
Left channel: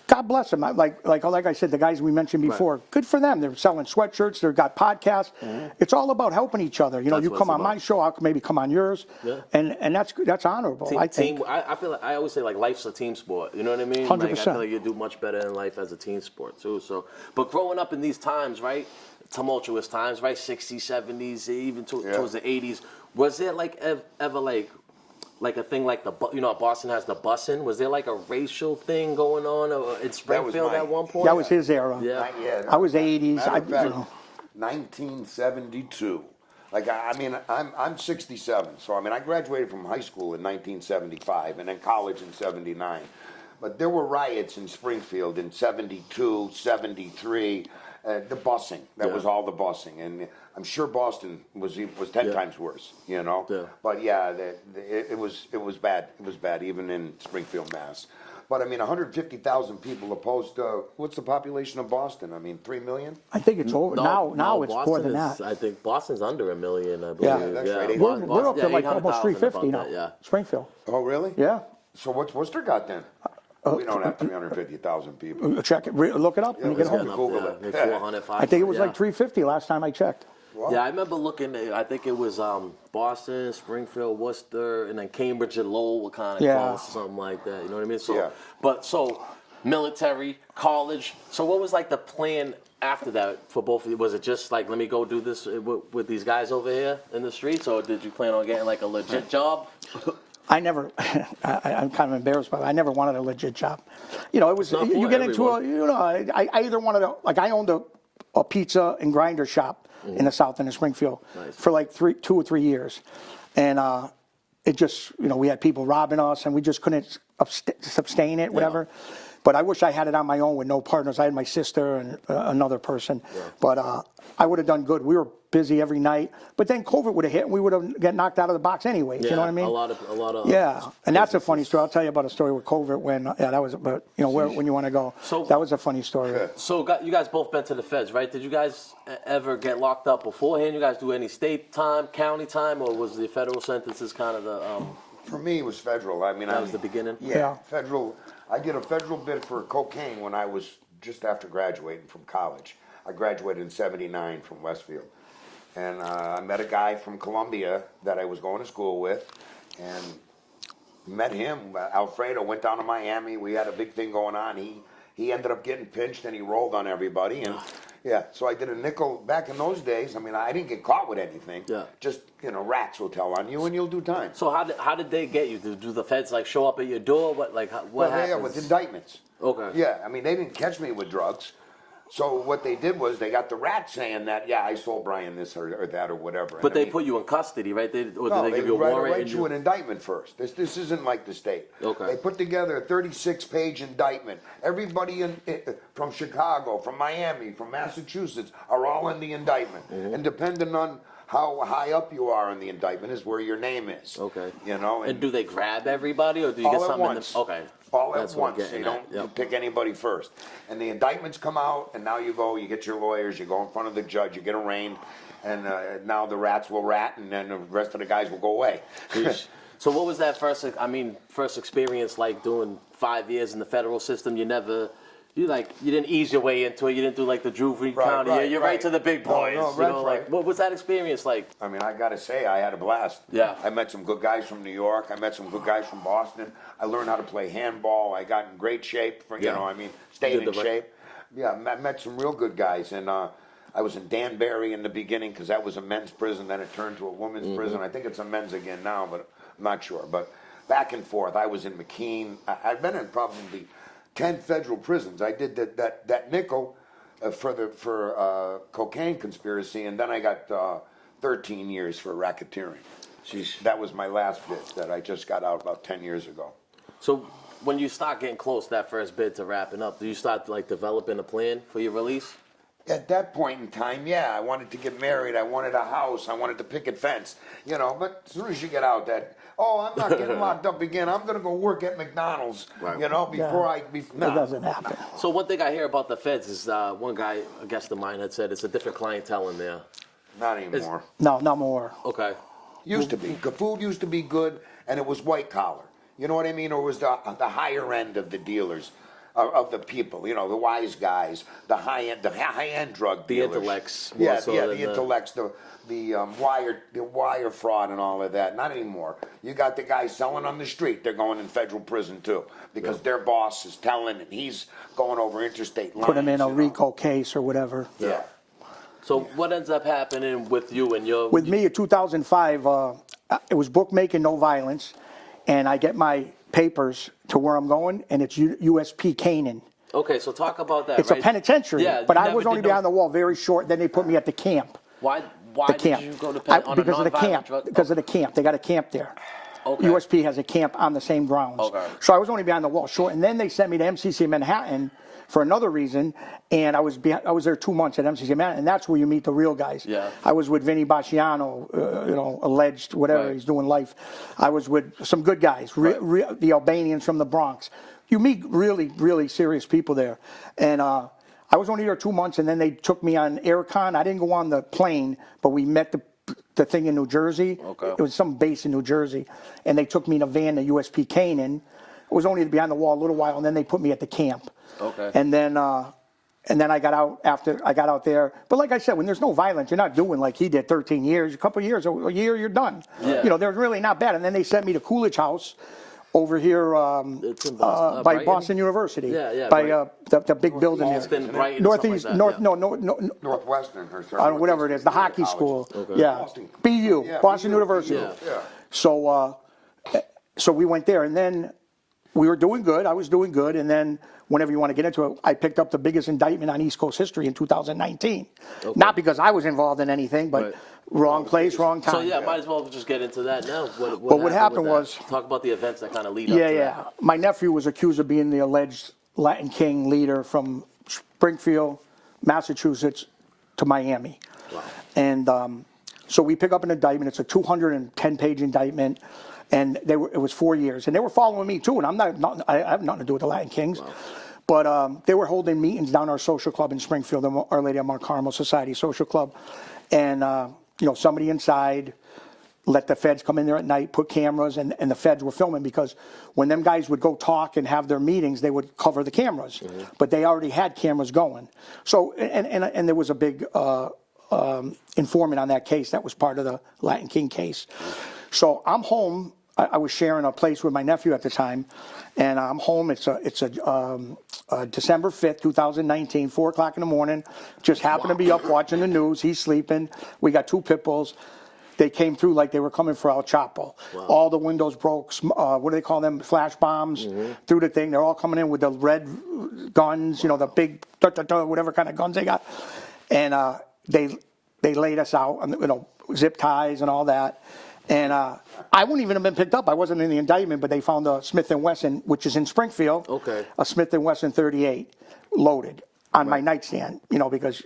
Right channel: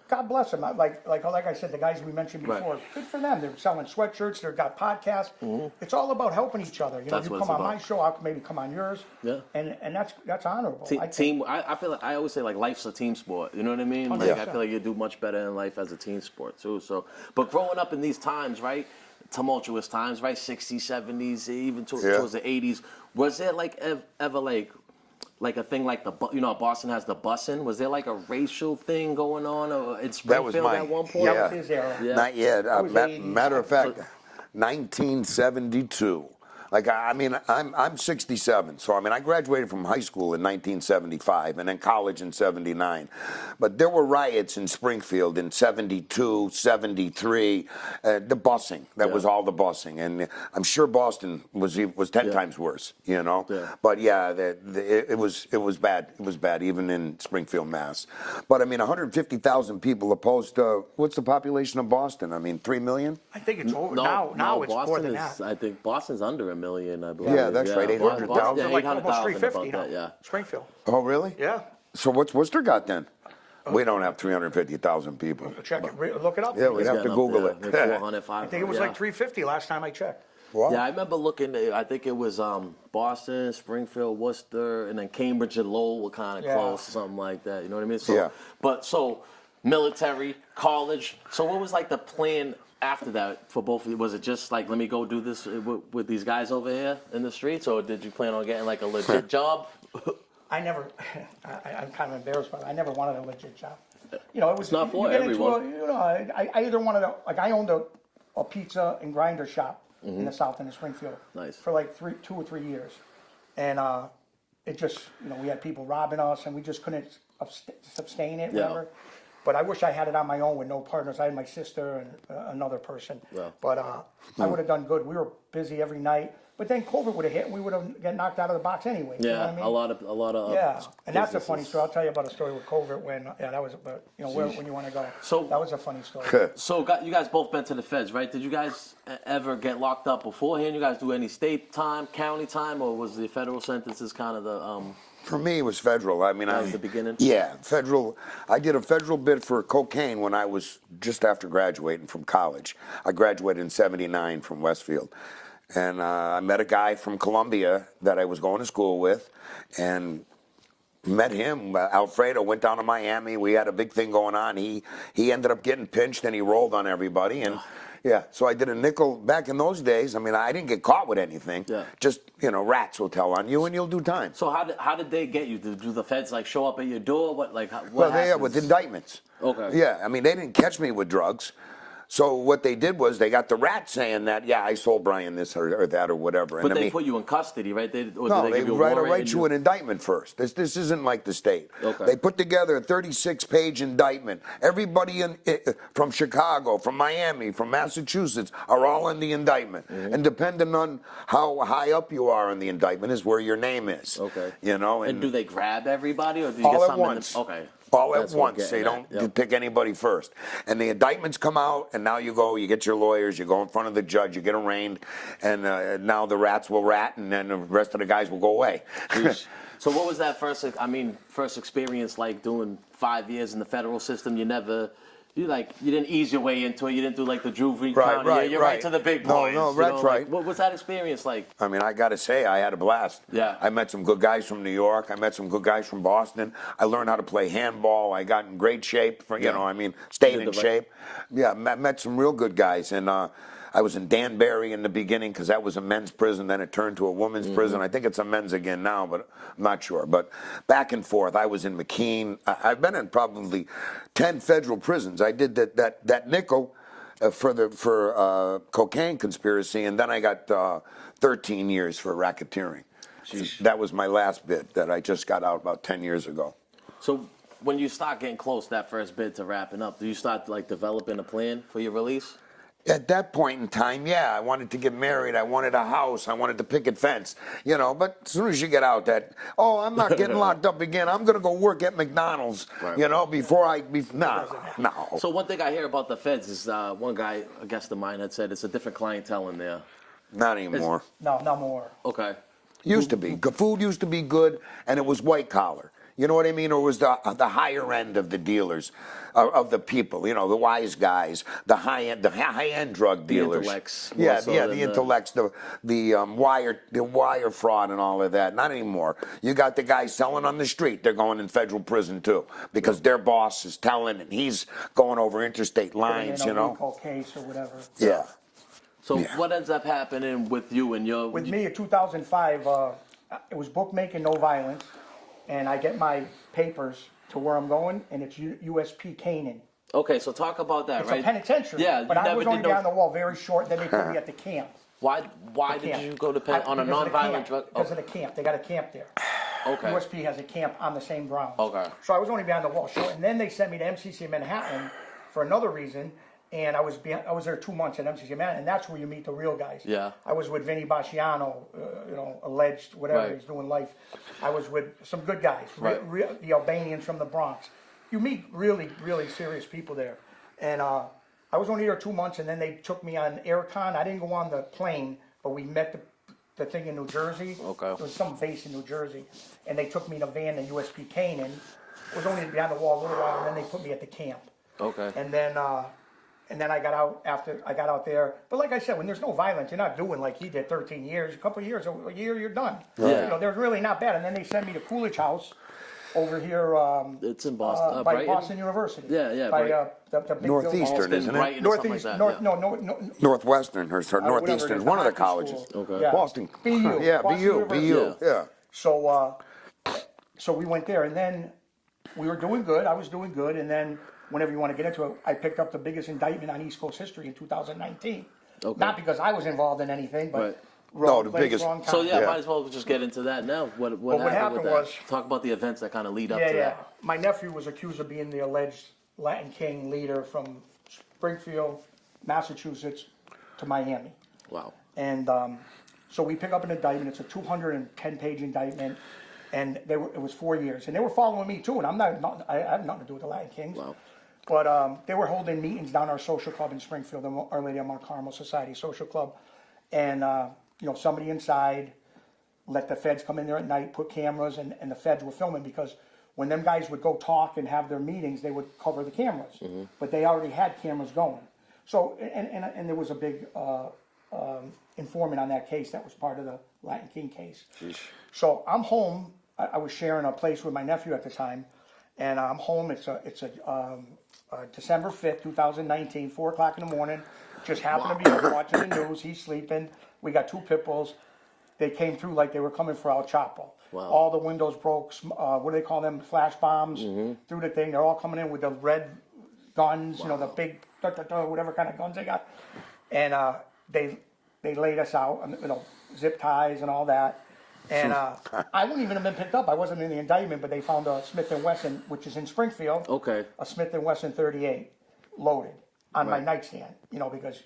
God bless them. Like I said, the guys we mentioned before, good for them. They're selling sweatshirts. They've got podcasts. It's all about helping each other. You know, That's you what come it's on my about. show, I'll maybe come on yours. Yeah. And that's honorable. I think. I feel like I always say like life's a team sport. You know what I mean? Like I 100%. feel like you do much better in life as a team sport too. So, but growing up in these times, right? Tumultuous times, right? 60s, 70s, even towards the 80s. Was there like ever like a thing like Boston has the busing? Was there like a racial thing going on in Springfield at one point? That was his era. Yeah. Not yet. I was 80s. Matter of fact, 1972. Like, I mean, I'm 67, so I mean, I graduated from high school in 1975 and then college in 79. But there were riots in Springfield in 72, 73, the busing. That was all the busing. And I'm sure Boston was 10 times worse, you know? Yeah. But yeah, it was bad. It was bad, even in Springfield, Mass. But I mean, 150,000 people opposed to, what's the population of Boston? I mean, 3 million? I think it's over. No, now it's Boston more than is. that. I think Boston's under 1 million. I believe. Yeah, that's right. We're up to like almost 800,000 350 about now. that. Yeah. Springfield. Oh, really? Yeah. So what's Worcester got then? We don't have 350,000 people. Check it. Look it up. Yeah, Look we it have up. to Google it. Like 400, 500. I think it was yeah. like 350 last time I checked. Wow. Yeah, I remember looking. I think it was Boston, Springfield, Worcester, and then Cambridge and Lowell were kind of Yeah. close, something like that. You know what I mean? So, Yeah. so military, college. So, what was like the plan after that for both of you? Was it just like, let me go do this with these guys over here in the streets, or did you plan on getting like a legit job? I never, I'm kind of embarrassed, but I never wanted a legit job. You know, it was, not you for get everyone. into a, you know, I either wanted to, like I owned a pizza and grinder shop in the South End of Springfield Nice. for like 2 or 3 years. And it just, you know, we had people robbing us and we just couldn't sustain it, whatever. But I wish I had it on my own with no partners. I had my sister and another person. Yeah. But I would have done good. We were busy every night. But then COVID would have hit and we would have got knocked out of the box anyway. Yeah, You know what I mean? a lot of Yeah, and that's a funny businesses. story. I'll tell you about a story with COVID when, that was, but you know, when you want to go. So- that was a funny story. So you guys both been to the feds, right? Did you guys ever get locked up beforehand? You guys do any state time, county time, or was the federal sentences kind of the? For me, it was federal. I mean, That was the beginning? Yeah, Yeah. federal. I did a federal bid for cocaine when I was just after graduating from college. I graduated in '79 from Westfield, and I met a guy from Columbia that I was going to school with, and met him. Alfredo went down to Miami. We had a big thing going on. He ended up getting pinched, and he rolled on everybody. And yeah, so I did a nickel. Back in those days, I mean, I didn't get caught with anything. Yeah. Just, you know, rats will tell on you, and you'll do time. So how did they get you? Do the feds like show up at your door? What Well, happens? yeah, with indictments. Okay. Yeah, I mean, they didn't catch me with drugs. So what they did was they got the rat saying that, yeah, I sold Brian this or that or whatever. But And I they mean, put you in custody, right? Or no, did they give you a warrant? write and you an indictment first. This isn't like the state. Okay. They put together a 36-page indictment. Everybody from Chicago, from Miami, from Massachusetts are all in the indictment. Mm-hmm. And depending on how high up you are in the indictment is where your name is. Okay. You know. And do they grab everybody, or do you All get at something? once. Okay. All That's at what I'm once. They getting at. don't Yep. pick anybody first. And the indictments come out, and now you go, you get your lawyers, you go in front of the judge, you get arraigned, and now the rats will rat, and then the rest of the guys will go away. Sheesh. So what was that first experience like doing 5 years in the federal system? You didn't ease your way into it. You didn't do like the Juvie County. right, You're right to the big No, boys. no, you that's know, right. like, what was that experience like? I mean, I got to say, I had a blast. Yeah. I met some good guys from New York. I met some good guys from Boston. I learned how to play handball. I got in great shape. Stayed Did in the right- shape. Yeah, met some real good guys. And I was in Danbury in the beginning because that was a men's prison. Then it turned to a women's prison. I think it's a men's again now, but I'm not sure. But back and forth. I was in McKean. I've been in probably 10 federal prisons. I did that nickel for cocaine conspiracy, and then I got 13 years for racketeering. That was my last bit that I just got out about 10 years ago. So when you start getting close to that first bid to wrapping up, do you start like developing a plan for your release? At that point in time, yeah, I wanted to get married. I wanted a house. I wanted to picket fence. You know, but as soon as you get out I'm not getting locked up again. I'm going to go work at McDonald's, Right. you know, before doesn't happen. no. So one thing I hear about the feds is one guy, a guest of mine, had said it's a different clientele in there. Not anymore. No, not more. Okay. Used to be. Food used to be good, and it was white collar. You know what I mean? Or it was the higher end of the dealers. of the people, you know, the wise guys, the high-end drug dealers. The intellects, more Yeah, so yeah, than the intellects, the wire fraud and all of that. Not anymore. You got the guys selling on the street. They're going in federal prison too because their boss is telling, and he's going over interstate lines. Put them in a you know? RICO case or whatever. Yeah. So what ends up happening with you and your? With me in 2005, it was bookmaking, no violence, and I get my papers to where I'm going, and it's USP Canaan. Okay, so talk about that. It's right? a penitentiary, Yeah, but you I never was did only no- behind the wall very short. Then they put me at the camp. Why did Camp. you go to on a Because of the non-violent camp. drug? Because of the camp. They got a camp there. Okay. USP has a camp on the same grounds. Okay. So I was only behind the wall short, and then they sent me to MCC Manhattan for another reason, and I was there 2 months at MCC Manhattan, and that's where you meet the real guys. Yeah. I was with Vinny Basciano, you know, alleged whatever Right. he's doing life. I was with some good guys, Right. the Albanians from the Bronx. You meet really, really serious people there, and I was only there 2 months, and then they took me on Aircon. I didn't go on the plane, but we met the thing in New Jersey. Okay. It was some base in New Jersey, and they took me in a van to USP Canaan. It was only behind the wall a little while, and then they put me at the camp. Okay. And then I got out after I got out there. But like I said, when there's no violence, you're not doing like he did, 13 years, a couple of years, a year, you're done. Yeah. You know, they're really not bad. And then they sent me to Coolidge House over here It's in Boston. by Brighton? Boston University. Yeah, yeah, By Brighton. the big building. Boston, isn't it? Brighton, or something like Northeast, that. North, yeah. no, Northwestern or Northeastern, whatever it is, the one of hockey colleges. school. Okay. Yeah. Boston. BU, Yeah, Boston BU, University. BU, yeah. So we went there, and then we were doing good. I was doing good, and then whenever you want to get into it, I picked up the biggest indictment on East Coast history in 2019. Okay. Not because I was involved in anything, but Right. wrong the place, biggest- wrong time. So yeah, might as well just get into that now. What happened with that? was- Talk about the events that kind of lead up Yeah, to yeah. that. My nephew was accused of being the alleged Latin King leader from Springfield, Massachusetts, to Miami. Wow. And so we pick up an indictment. It's a 210-page indictment, and it was 4 years. And they were following me too. And I have nothing to do with the Latin Kings. Wow. But they were holding meetings down our social club in Springfield, the Our Lady of Mount Carmel Society Social Club, and somebody inside let the feds come in there at night, put cameras, and the feds were filming because when them guys would go talk and have their meetings, they would cover the cameras. Mm-hmm. But they already had cameras going. So, and there was a big informant on that case that was part of the Latin King case. So I'm home. I was sharing a place with my nephew at the time, and I'm home. It's December 5th, 2019, 4 o'clock in the morning. Just happened to be up watching the news. He's sleeping. We got 2 pit bulls. They came through like they were coming for El Chapo. Wow. All the windows broke. What do they call them? Flash bombs through the thing. They're all coming in with the red guns, the big, whatever kind of guns they got. And they laid us out, zip ties and all that. And I wouldn't even have been picked up. I wasn't in the indictment, but they found a Smith & Wesson, which is in Springfield. Okay. A Smith & Wesson 38 loaded on my nightstand, because,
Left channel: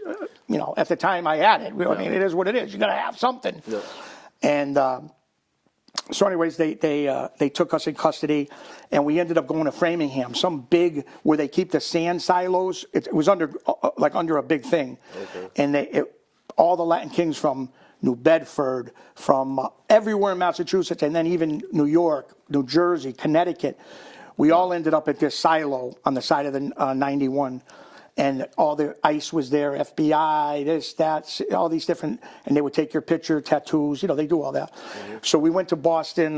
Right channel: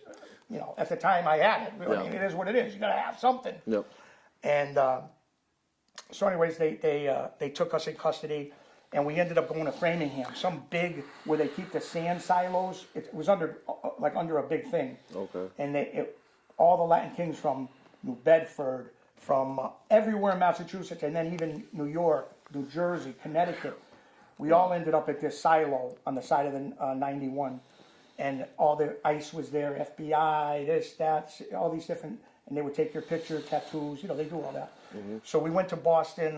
at the time I had it. I mean, it is what it is. You got to have something. Yep. And so anyways, they took us in custody, and we ended up going to Framingham, some big, where they keep the sand silos. It was under a big thing. Okay. And all the Latin Kings from New Bedford, from everywhere in Massachusetts, and then even New York, New Jersey, Connecticut. We all ended up at this silo on the side of the 91. And all the ICE was there, FBI, this, that, all these different, and they would take your picture, tattoos, they do all that. Mm-hmm. So we went to Boston,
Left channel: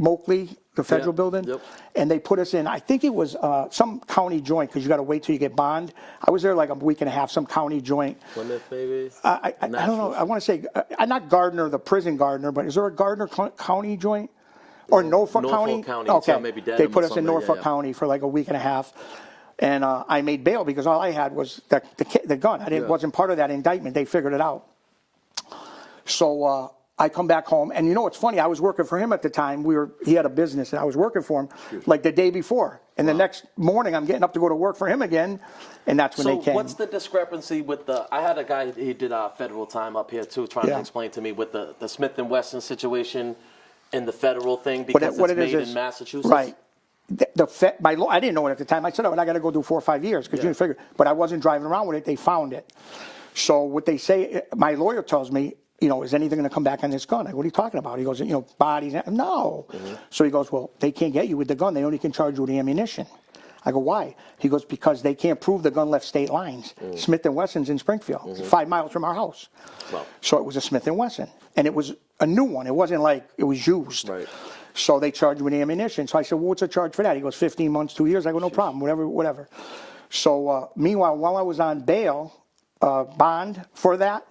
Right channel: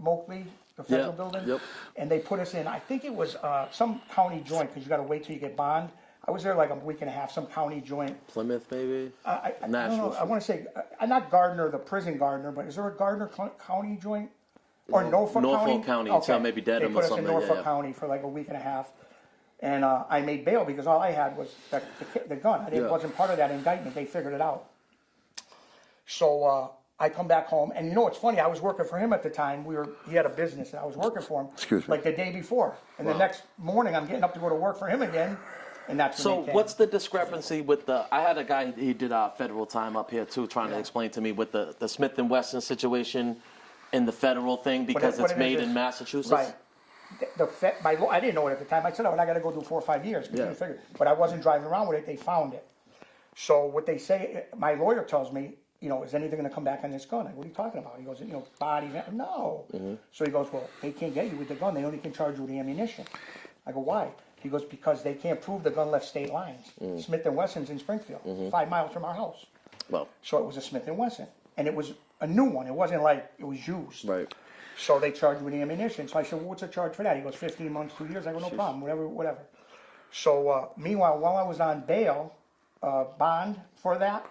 Moakley, the federal Yeah, building, yep. and they put us in, I think it was some county joint, because you got to wait till you get bond. I was there like a week and a half, some county joint. Plymouth, maybe. I don't know, I want to say, not Gardner, the prison Gardner, but is there a Gardner County joint? Or Norfolk County? Norfolk County, so maybe They Dedham put or us in something, Norfolk yeah. County for like a week and a half. And I made bail because all I had was the gun. Wasn't part of that indictment. They figured it out. So I come back home, and it's funny. I was working for him at the time. He had a business, and I was working for him like the day before. And the next morning, I'm getting up to go to work for him again, and that's when So they came. what's the discrepancy with I had a guy, he did federal time up here too, trying to explain to me with the Smith & Wesson situation and the federal thing because what it's it made is, in Massachusetts? Right. I didn't know it at the time. I said, I got to go do 4 or 5 years because you didn't figure. But I wasn't driving around with it. They found it. So what they say, my lawyer tells me, is anything going to come back on this gun? What are you talking about? He goes, bodies. No. So he goes, well, they can't get you with the gun. They only can charge you with the ammunition. I go, why? He goes, because they can't prove the gun left state lines. Smith & Wesson's in Springfield, 5 miles from our house. Well. So it was a Smith & Wesson. And it was a new one. It wasn't like it was used. Right. So they charged me the ammunition. So I said, well, what's the charge for that? He goes, 15 months, 2 years. I go, no problem, whatever. So meanwhile, while I was on bail, bond for that,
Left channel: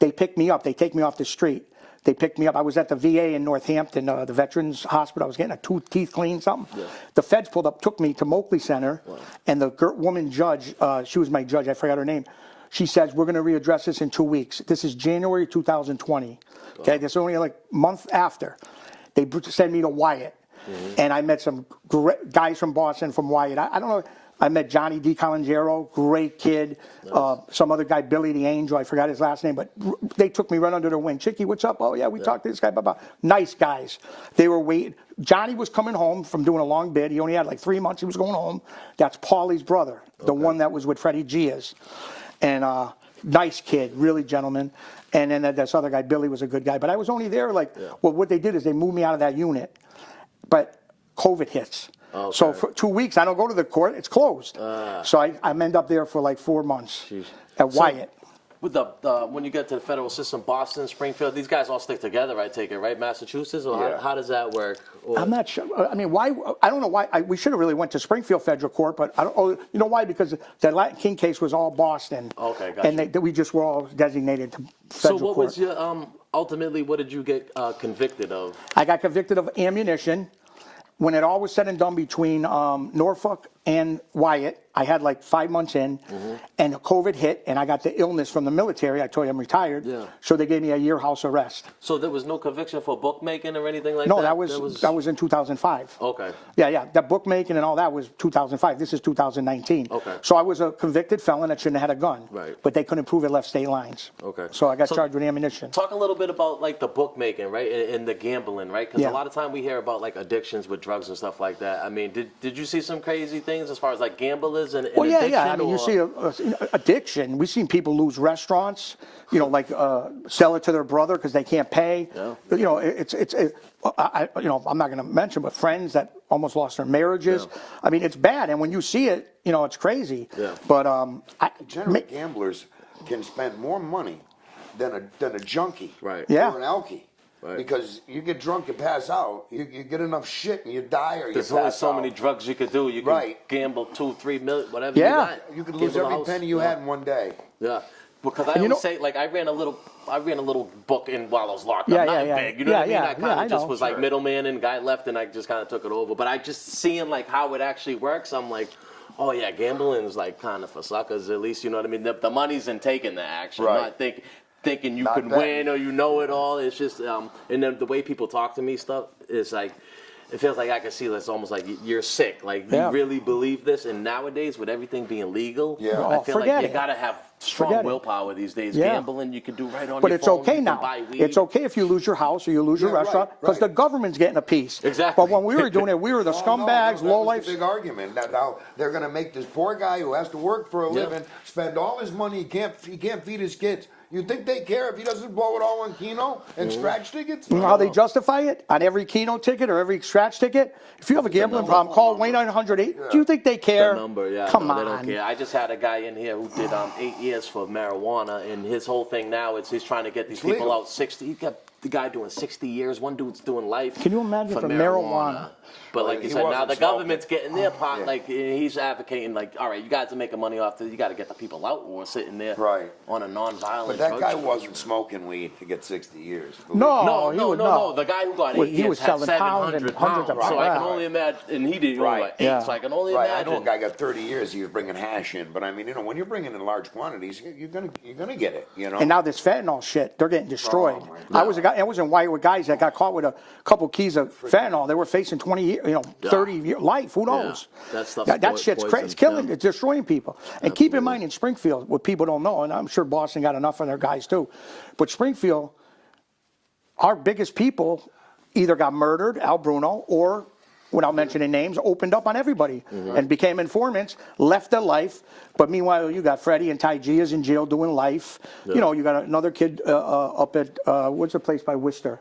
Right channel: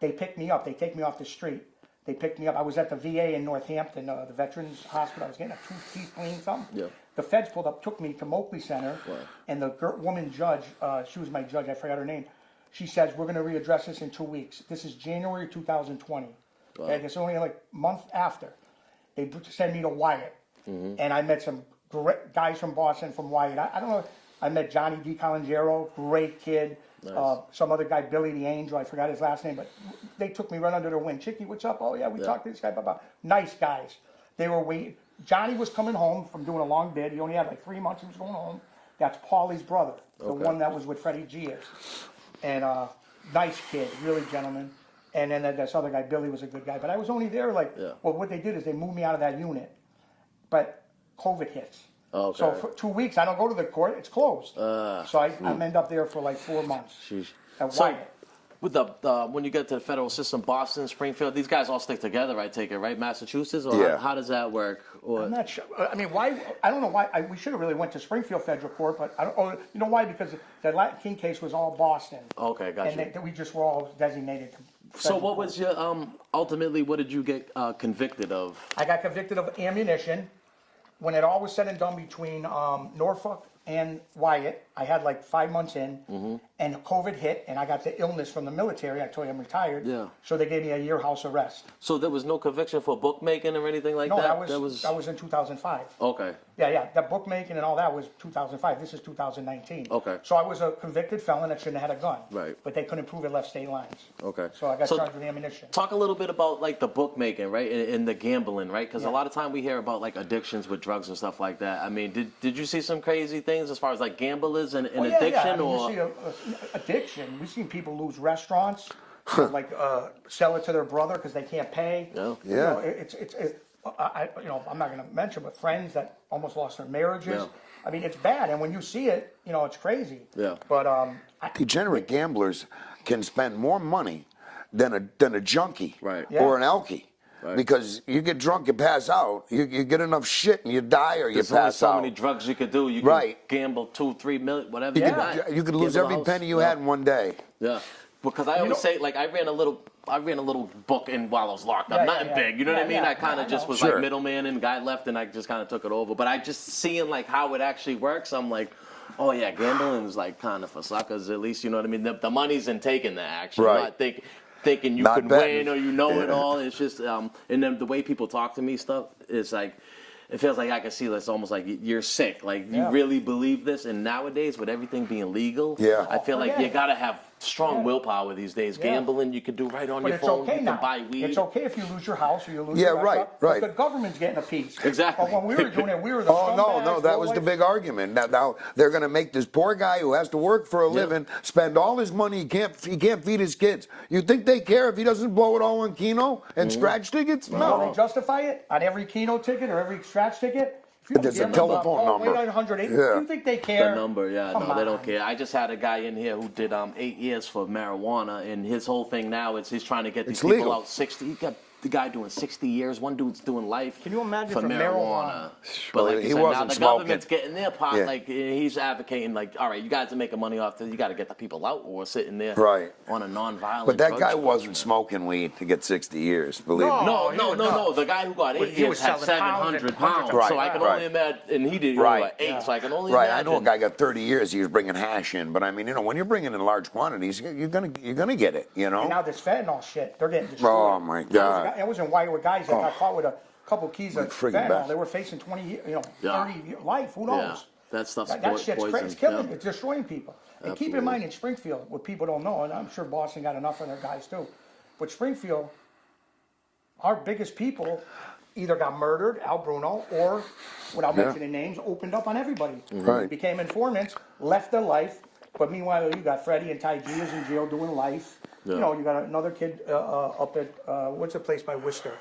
they picked me up. They take me off the street. They picked me up. I was at the VA in Northampton, the Veterans Hospital. I was getting teeth cleaned, something. Yeah. The feds pulled up, took me to Moakley Center, and the woman judge, she was my judge, I forgot her name. She says, we're going to readdress this in 2 weeks. This is January 2020. Okay, this is only like a month after. They send me to Wyatt, and I met some great guys from Boston, from Wyatt. I don't know. I met Johnny DiColangero, great kid. Nice. Some other guy, Billy the Angel, I forgot his last name, but they took me right under their wing. Chicky, what's up? Oh, yeah, we talked to this guy. Blah, blah. Nice guys. They were waiting. Johnny was coming home from doing a long bid. He only had like 3 months. He was going home. That's Paulie's brother, the one that was with Freddie Giaz. And nice kid, really gentleman. And then this other guy, Billy, was a good guy. But I was only there well, what they did is they moved me out of that unit. But COVID hits. Okay. So for 2 weeks, I don't go to the court. It's closed. So I'm end up there for like 4 months at Wyatt. With when you get to the federal system, Boston, Springfield, these guys all stick together, I take it, right? Massachusetts, or how does that work? Or, I'm not sure. I mean, why? I don't know why. We should have really went to Springfield Federal Court, but I don't. Oh, you know why? Because that Latin King case was all Boston. Okay, gotcha. And we just were all designated to so federal what court. was your ultimately? What did you get convicted of? I got convicted of ammunition. When it all was said and done between Norfolk and Wyatt, I had like 5 months in, and COVID hit, and I got the illness from the military. I told you I'm retired. Yeah. So they gave me a year house arrest. So there was no conviction for bookmaking or anything like No, that? that was in 2005. Okay. Yeah. That bookmaking and all that was 2005. This is 2019. Okay. So I was a convicted felon that shouldn't have had a gun. Right. But they couldn't prove it left state lines. Okay. So I got charged with ammunition. Talk a little bit about like the bookmaking, right, and the gambling, right? Because a lot of time we hear about like addictions with drugs and stuff like that. I mean, did you see some crazy things as far as like gamblers and addiction? Yeah. I mean, you see addiction. We've seen people lose restaurants. You know, like sell it to their brother because they can't pay. Yeah. You know, I'm not going to mention, but friends that almost lost their marriages. Yeah. I mean, it's bad, and when you see it, you know, it's crazy. Yeah. But Degenerate gamblers can spend more money than a junkie Right. Yeah. or an alkie. Right. Because you get drunk, you pass out, you get enough shit and you die or you There's pass only so out. many drugs you could do. You can Right. gamble 2-3 million, whatever Yeah. you got. You could lose Gamble a every house. penny you had in one day. Yeah. Because I always say, like, I ran a little book in while I was locked up. Nothing big, you know what I mean? I kind of just was like middleman and guy left, and I just kind of took it over. But I just seeing like how it actually works, I'm like, oh yeah, gambling is like kind of for suckers. At least you know what I mean. The money's in taking the action, Right. not thinking you Not can betting. win or you know it all. It's just and then the way people talk to me stuff is like. It feels like I can see it's almost like you're sick. Like you really believe this, and nowadays with everything being legal, I feel like you gotta have strong willpower these days. Yeah. Gambling, you can do right on But your it's phone. okay you now. can buy weed. It's okay if you lose your house or you lose your Yeah, restaurant because right. the government's getting a piece. Exactly. But when we were doing it, we were the scumbags. No, that was the big argument. Now they're going to make this poor guy who has to work for a living spend all his money. He can't feed his kids. You think they care if he doesn't blow it all on Keno and scratch tickets? You know how they justify it? On every Keno ticket or every scratch ticket? If you have a If it's a gambling problem, telephone call number. 1-800. Do you think they care? The number, yeah. Come no, on. they don't care. I just had a guy in here who did 8 years for marijuana, and his whole thing now is he's trying to get these people legal. out 60. He got the guy doing 60 years. One dude's doing life. Can you imagine for for marijuana? marijuana? But like He you said, now wasn't the smoking. government's getting their pot. Yeah. Like he's advocating, like, all right, you guys are making money off this. You got to get the people out or sitting there on a non-violent. But that drug guy charge. wasn't smoking weed to get 60 years. Believe No. me. No. The guy who got 8 he years was had selling pounds 700 and pounds. hundreds of So I pounds. can only imagine, and he did only like 8. So I can only Right, I know a imagine. guy got 30 years. He was bringing hash in, but I mean, when you're bringing in large quantities, you're gonna get it, you know. And now this fentanyl shit, they're getting destroyed. Oh, my I was a God. guy. I was in White with guys that got caught with a couple keys of fentanyl. They were facing 20 years, 30 year life. Who knows? That stuff's That shit's poison. crazy. It's killing. Yeah. It's destroying people. And keep in mind, in Springfield, what people don't know, and I'm sure Boston got enough of their guys too, but Springfield, our biggest people either got murdered, Al Bruno, or, without mentioning names, opened up on everybody and became informants, left their life. But meanwhile, you got Freddie and Ty G is in jail doing life. Yeah. You know, you got another kid up at, what's the place by Worcester?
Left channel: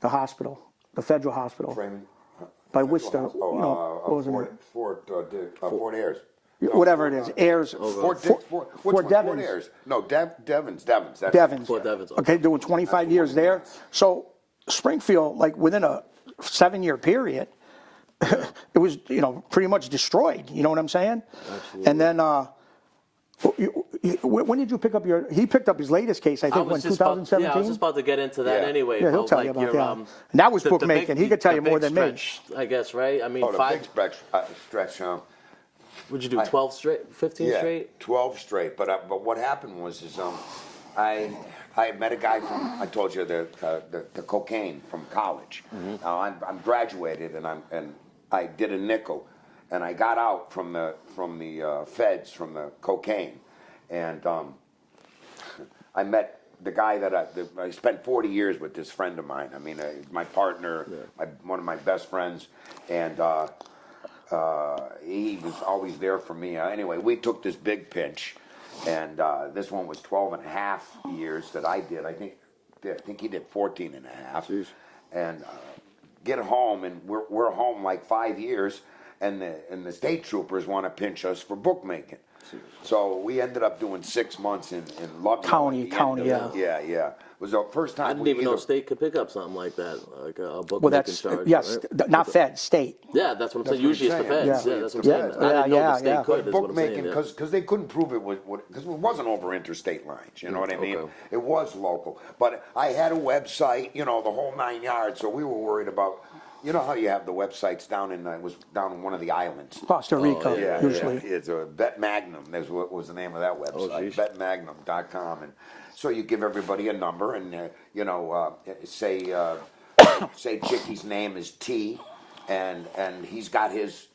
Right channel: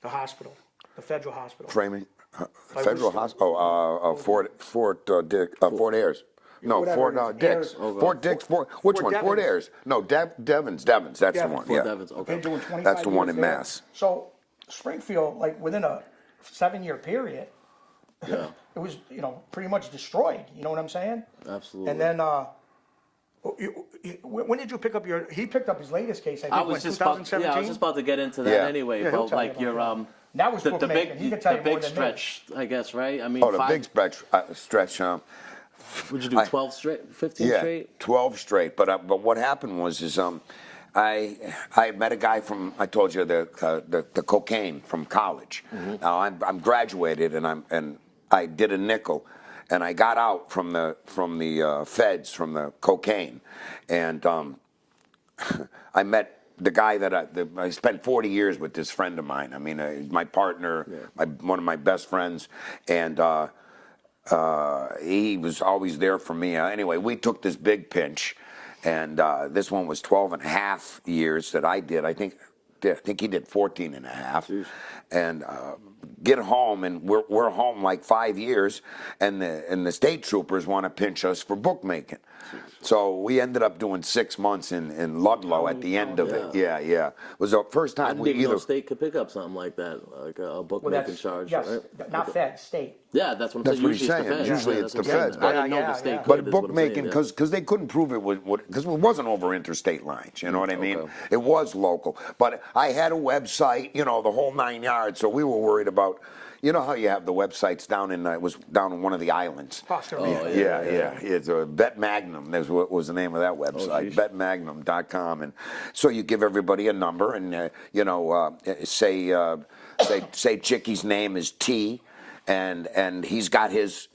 The hospital, the federal hospital. Framing. By Federal Worcester. Hospital. Fort Ayers. No, Whatever it is. Dix. Ayers. Fort Dix. Which one? Devens. Fort Ayers. No, Devens. That's the one. Devens. Yeah. Devens. Okay, doing 25 That's the years one in there. Mass. So Springfield, like within a 7-year period, it was, pretty much destroyed. You know what I'm saying? Absolutely. And then, when did you pick up he picked up his latest case, I think, when 2017? I was just about to get into that Yeah. anyway. Yeah, he'll About tell you like about your that. And that was bookmaking. He could tell you more than me. stretch, I guess, right? I mean, Oh, the big stretch. Would you do 12 straight, 15 straight? 12 straight. But what happened was I met a guy from, I told you, the cocaine from college. Mm-hmm. Now I'm graduated and I did a nickel, and I got out from the feds from the cocaine, and I met the guy that I spent 40 years with. This friend of mine. I mean, my partner, one of my best friends, and. He was always there for me. Anyway, we took this big pinch, and this one was 12 and a half years that I did. I think he did 14 and a half. Jeez. And get home, and we're home like 5 years, and the state troopers want to pinch us for bookmaking. So we ended up doing 6 months in Ludlow at the end of it. Yeah. It was the first time. I didn't even know state could pick up something like that, like a bookmaking charge. Yes, right? Not Fed, state. Yeah, that's what I'm saying. Usually it's the feds. Usually Yeah, that's it's what I'm the saying. feds. I didn't know the state Yeah. could. But Is what I'm saying. bookmaking, because they couldn't prove it because it wasn't over interstate lines. You know what I mean? Okay. It was local. But I had a website, the whole 9 yards. So we were worried about. You know how you have the websites down in it was down in one of the islands. Costa Rica. Yeah. It's Bet Magnum. That's what was the name of that website. BetMagnum.com. And so you give everybody a number, and say Chicky's name is T, and he's got his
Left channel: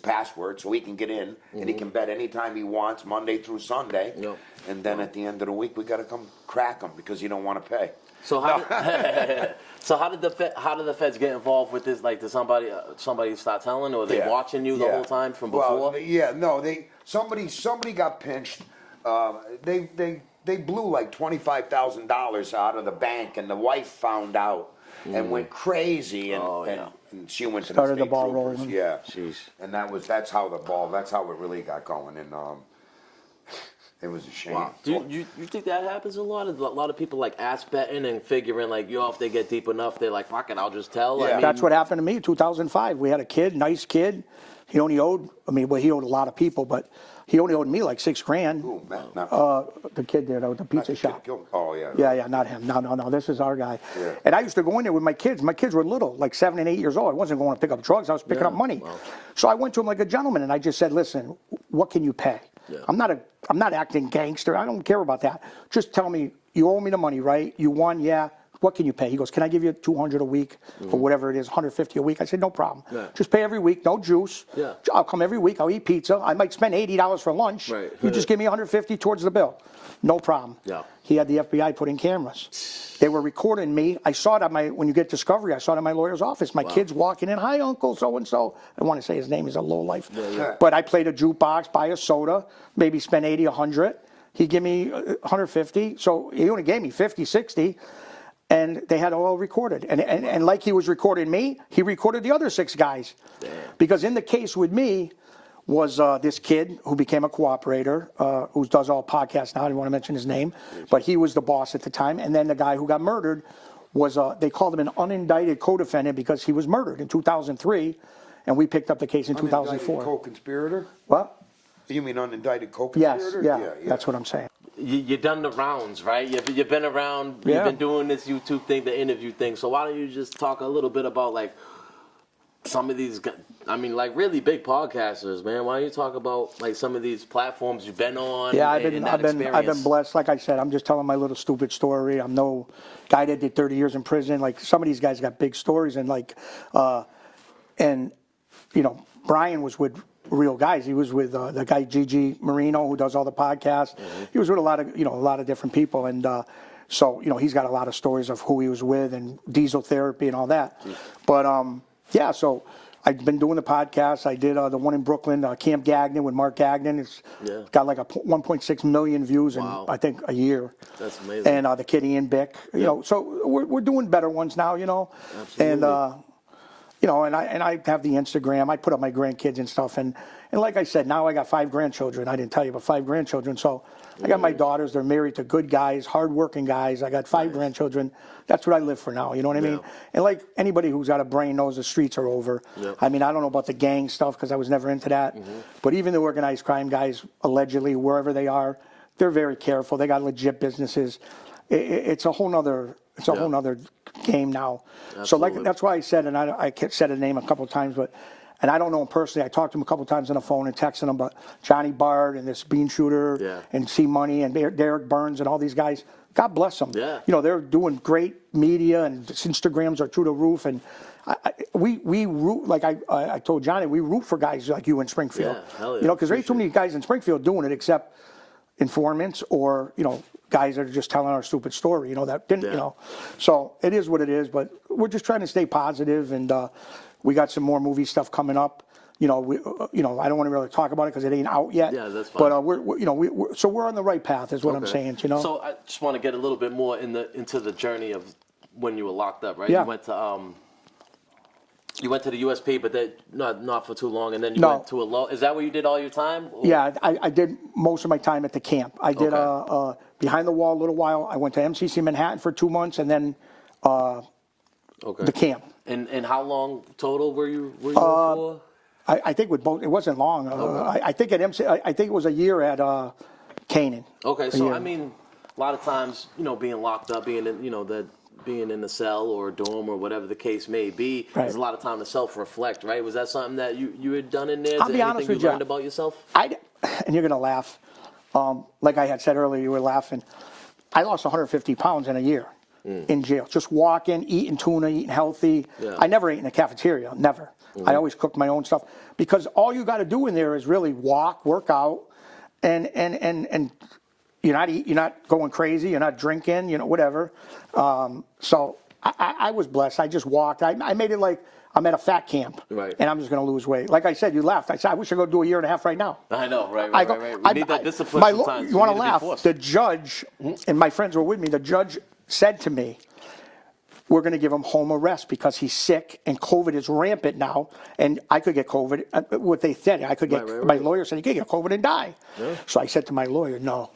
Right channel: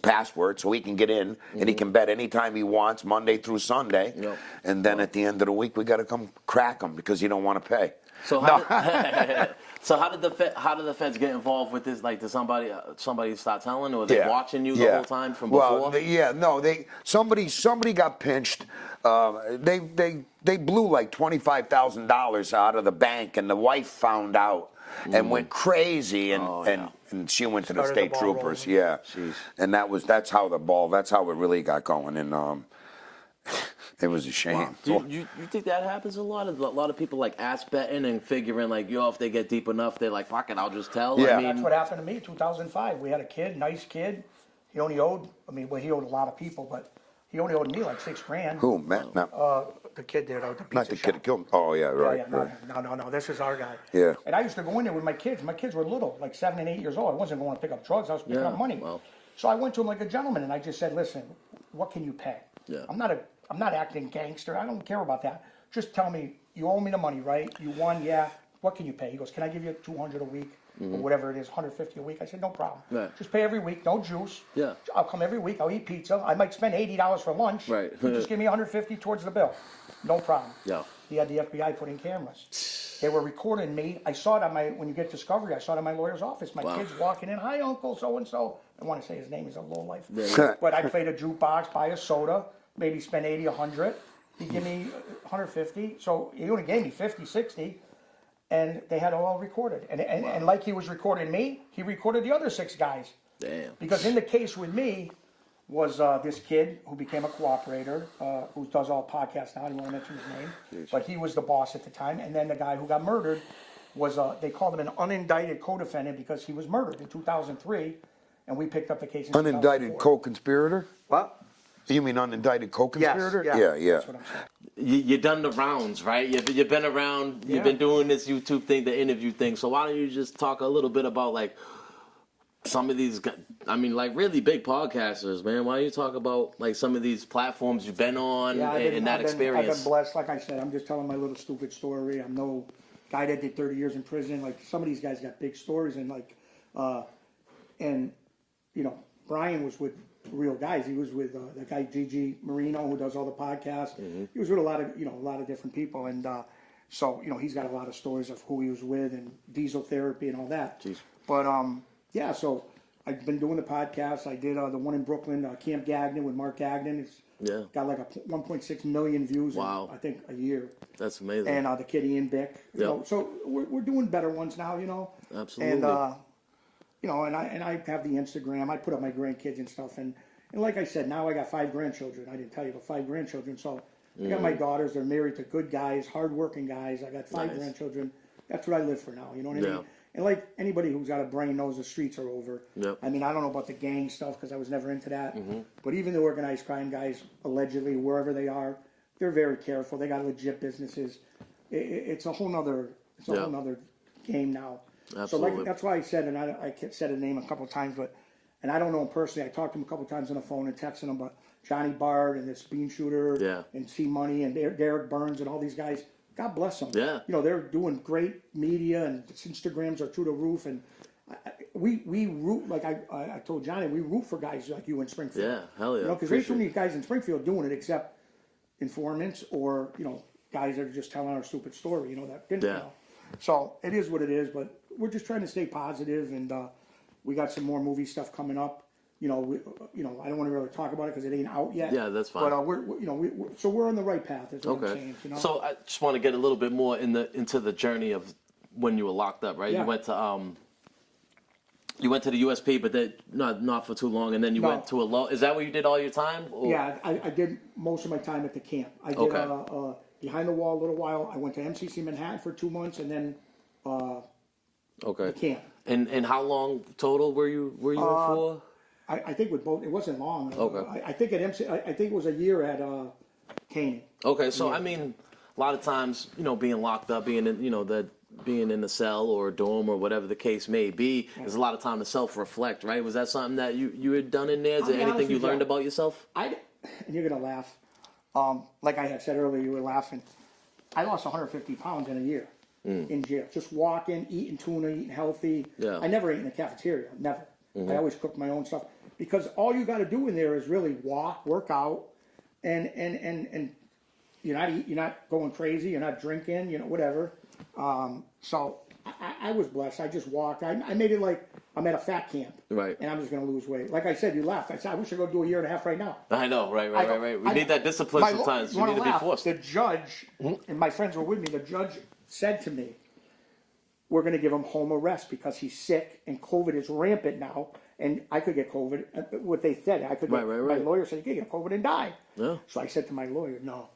password, so he can get in, and he can bet anytime he wants, Monday through Sunday. Yep. And then at the end of the week, we got to come crack him because you don't want to pay. So how did the feds get involved with this? Like, did somebody start telling, or were they watching you the whole time from before? Somebody got pinched. They blew like $25,000 out of the bank, and the wife found out and went crazy, and she went to the Started the state ball troopers. rolling. Yeah, Jeez. and that's how it really got going, and it was a shame. Wow. Do you think that happens a lot? A lot of people like ass betting and figuring like, if they get deep enough, they're like, fuck it, I'll just tell. Yeah. I mean, That's what happened to me in 2005. We had a kid, nice kid. He only owed, he owed a lot of people, but he only owed me like $6,000. Who, Matt? No. The kid there, the Not pizza the shop. kid killed. Oh yeah, right. Yeah, not him. No. This is our guy. Yeah. And I used to go in there with my kids. My kids were little, like 7 and 8 years old. I wasn't going to pick up drugs. I was picking up money. Wow. So I went to him like a gentleman, and I just said, "Listen, what can you pay? Yeah. I'm not acting gangster. I don't care about that. Just tell me you owe me the money, right? You won, yeah. What can you pay?" He goes, "Can I give you $200 a week for whatever it is, $150 a week?" I said, "No problem. Yeah. Just pay every week, no juice. Yeah. I'll come every week. I'll eat pizza. I might spend $80 for lunch. Right. You just give me $150 towards the bill. No problem." Yeah. He had the FBI put in cameras. They were recording me. I saw it when you get discovery, I saw it in my lawyer's office. My kid's walking in, "Hi, Uncle so-and-so." I want to say his name is a lowlife. Yeah. But I played a jukebox, buy a soda, maybe spend 80, 100. He gave me 150. So he only gave me 50, 60. And they had it all recorded. And like he was recording me, he recorded the other 6 guys. Damn. Because in the case with me was this kid who became a cooperator, who does all podcasts now. I didn't want to mention his name. But he was the boss at the time. And then the guy who got murdered was, they called him an unindicted co-defendant because he was murdered in 2003. And we picked up the case in 2004. Unindicted co-conspirator? What? You mean unindicted Yes, co-conspirator? yeah, that's what I'm saying. You've done the rounds, right? You've been around. Yeah. You've been doing this YouTube thing, the interview thing. So why don't you just talk a little bit about like some of these? I mean, like really big podcasters, man. Why don't you talk about like some of these platforms you've been on and that experience? I've been blessed. Like I said, I'm just telling my little stupid story. I'm no guy that did 30 years in prison. Like some of these guys got big stories, and Brian was with real guys. He was with the guy Gigi Marino, who does all the podcasts. He was with a lot of different people, and so he's got a lot of stories of who he was with and diesel therapy and all that. Jeez. But so I've been doing the podcast. I did the one in Brooklyn, Camp Gagnon with Mark Gagnon. It's got like 1.6 million views in I think a year. That's amazing. And the kid Ian Bick, so we're doing better ones now, Absolutely. And you know, and I have the Instagram. I put up my grandkids and stuff, and like I said, now I got 5 grandchildren. I didn't tell you, but 5 grandchildren. So I got my daughters. They're married to good guys, hardworking guys. I got 5 grandchildren. That's what I live for now. You know what I mean? And like anybody who's got a brain knows the streets are over. I mean, I don't know about the gang stuff because I was never into that. But even the organized crime guys, allegedly, wherever they are, they're very careful. They got legit businesses. It's a whole nother. It's a whole nother game now. So like that's why I said, and I said a name a couple of times, but. And I don't know him personally. I talked to him a couple times on the phone and texted him, but Johnny Bard and this Bean Shooter and C Money and Derek Burns and all these guys, God bless them. You know, they're doing great media and Instagrams are through the roof. And we root, like I told Johnny, we root for guys like you in Springfield. Hell yeah. You know, because there's too many guys in Springfield doing it except informants or, you know, guys that are just telling our stupid story, you know, that didn't, you know. So it is what it is, but we're just trying to stay positive and, we got some more movie stuff coming up. You know, I don't want to really talk about it because it ain't out yet. Yeah, that's fine. But we're on the right path, is what I'm saying. You know. So I just want to get a little bit more into the journey of when you were locked up, right? Yeah. You went to the USP, but then not for too long, and then you went to a law. Is that where you did all your time? Or? Yeah, I did most of my time at the camp. I did behind the wall a little while. I went to MCC Manhattan for 2 months, and then the camp. And how long total were you in for? I think with both, it wasn't long. I think at MC, I think it was a year at Canaan. Okay, so I mean, a lot of times, you know, being locked up, being in, you know, being in a cell or a dorm or whatever the case may be, there's a lot of time to self-reflect, right? Was that something that you had done in there? Is there anything you learned about yourself? And you're gonna laugh. Like I had said earlier, you were laughing. I lost 150 pounds in a year. In jail, just walking, eating tuna, eating healthy. I never ate in a cafeteria, never. I always cooked my own stuff because all you got to do in there is really walk, work out, and you're not going crazy, you're not drinking, you know, whatever. So I was blessed. I just walked. I made it like I'm at a fat camp, and I'm just going to lose weight. Like I said, you laughed. I said I wish I could do a year and a half right now. I know, right. We need that discipline sometimes. You need want to laugh? Be forced. The judge and my friends were with me. The judge said to me, we're going to give him home arrest because he's sick and COVID is rampant now. And I could get COVID. What they said, I could get, my lawyer said, you can get COVID and die. So I said to my lawyer, no,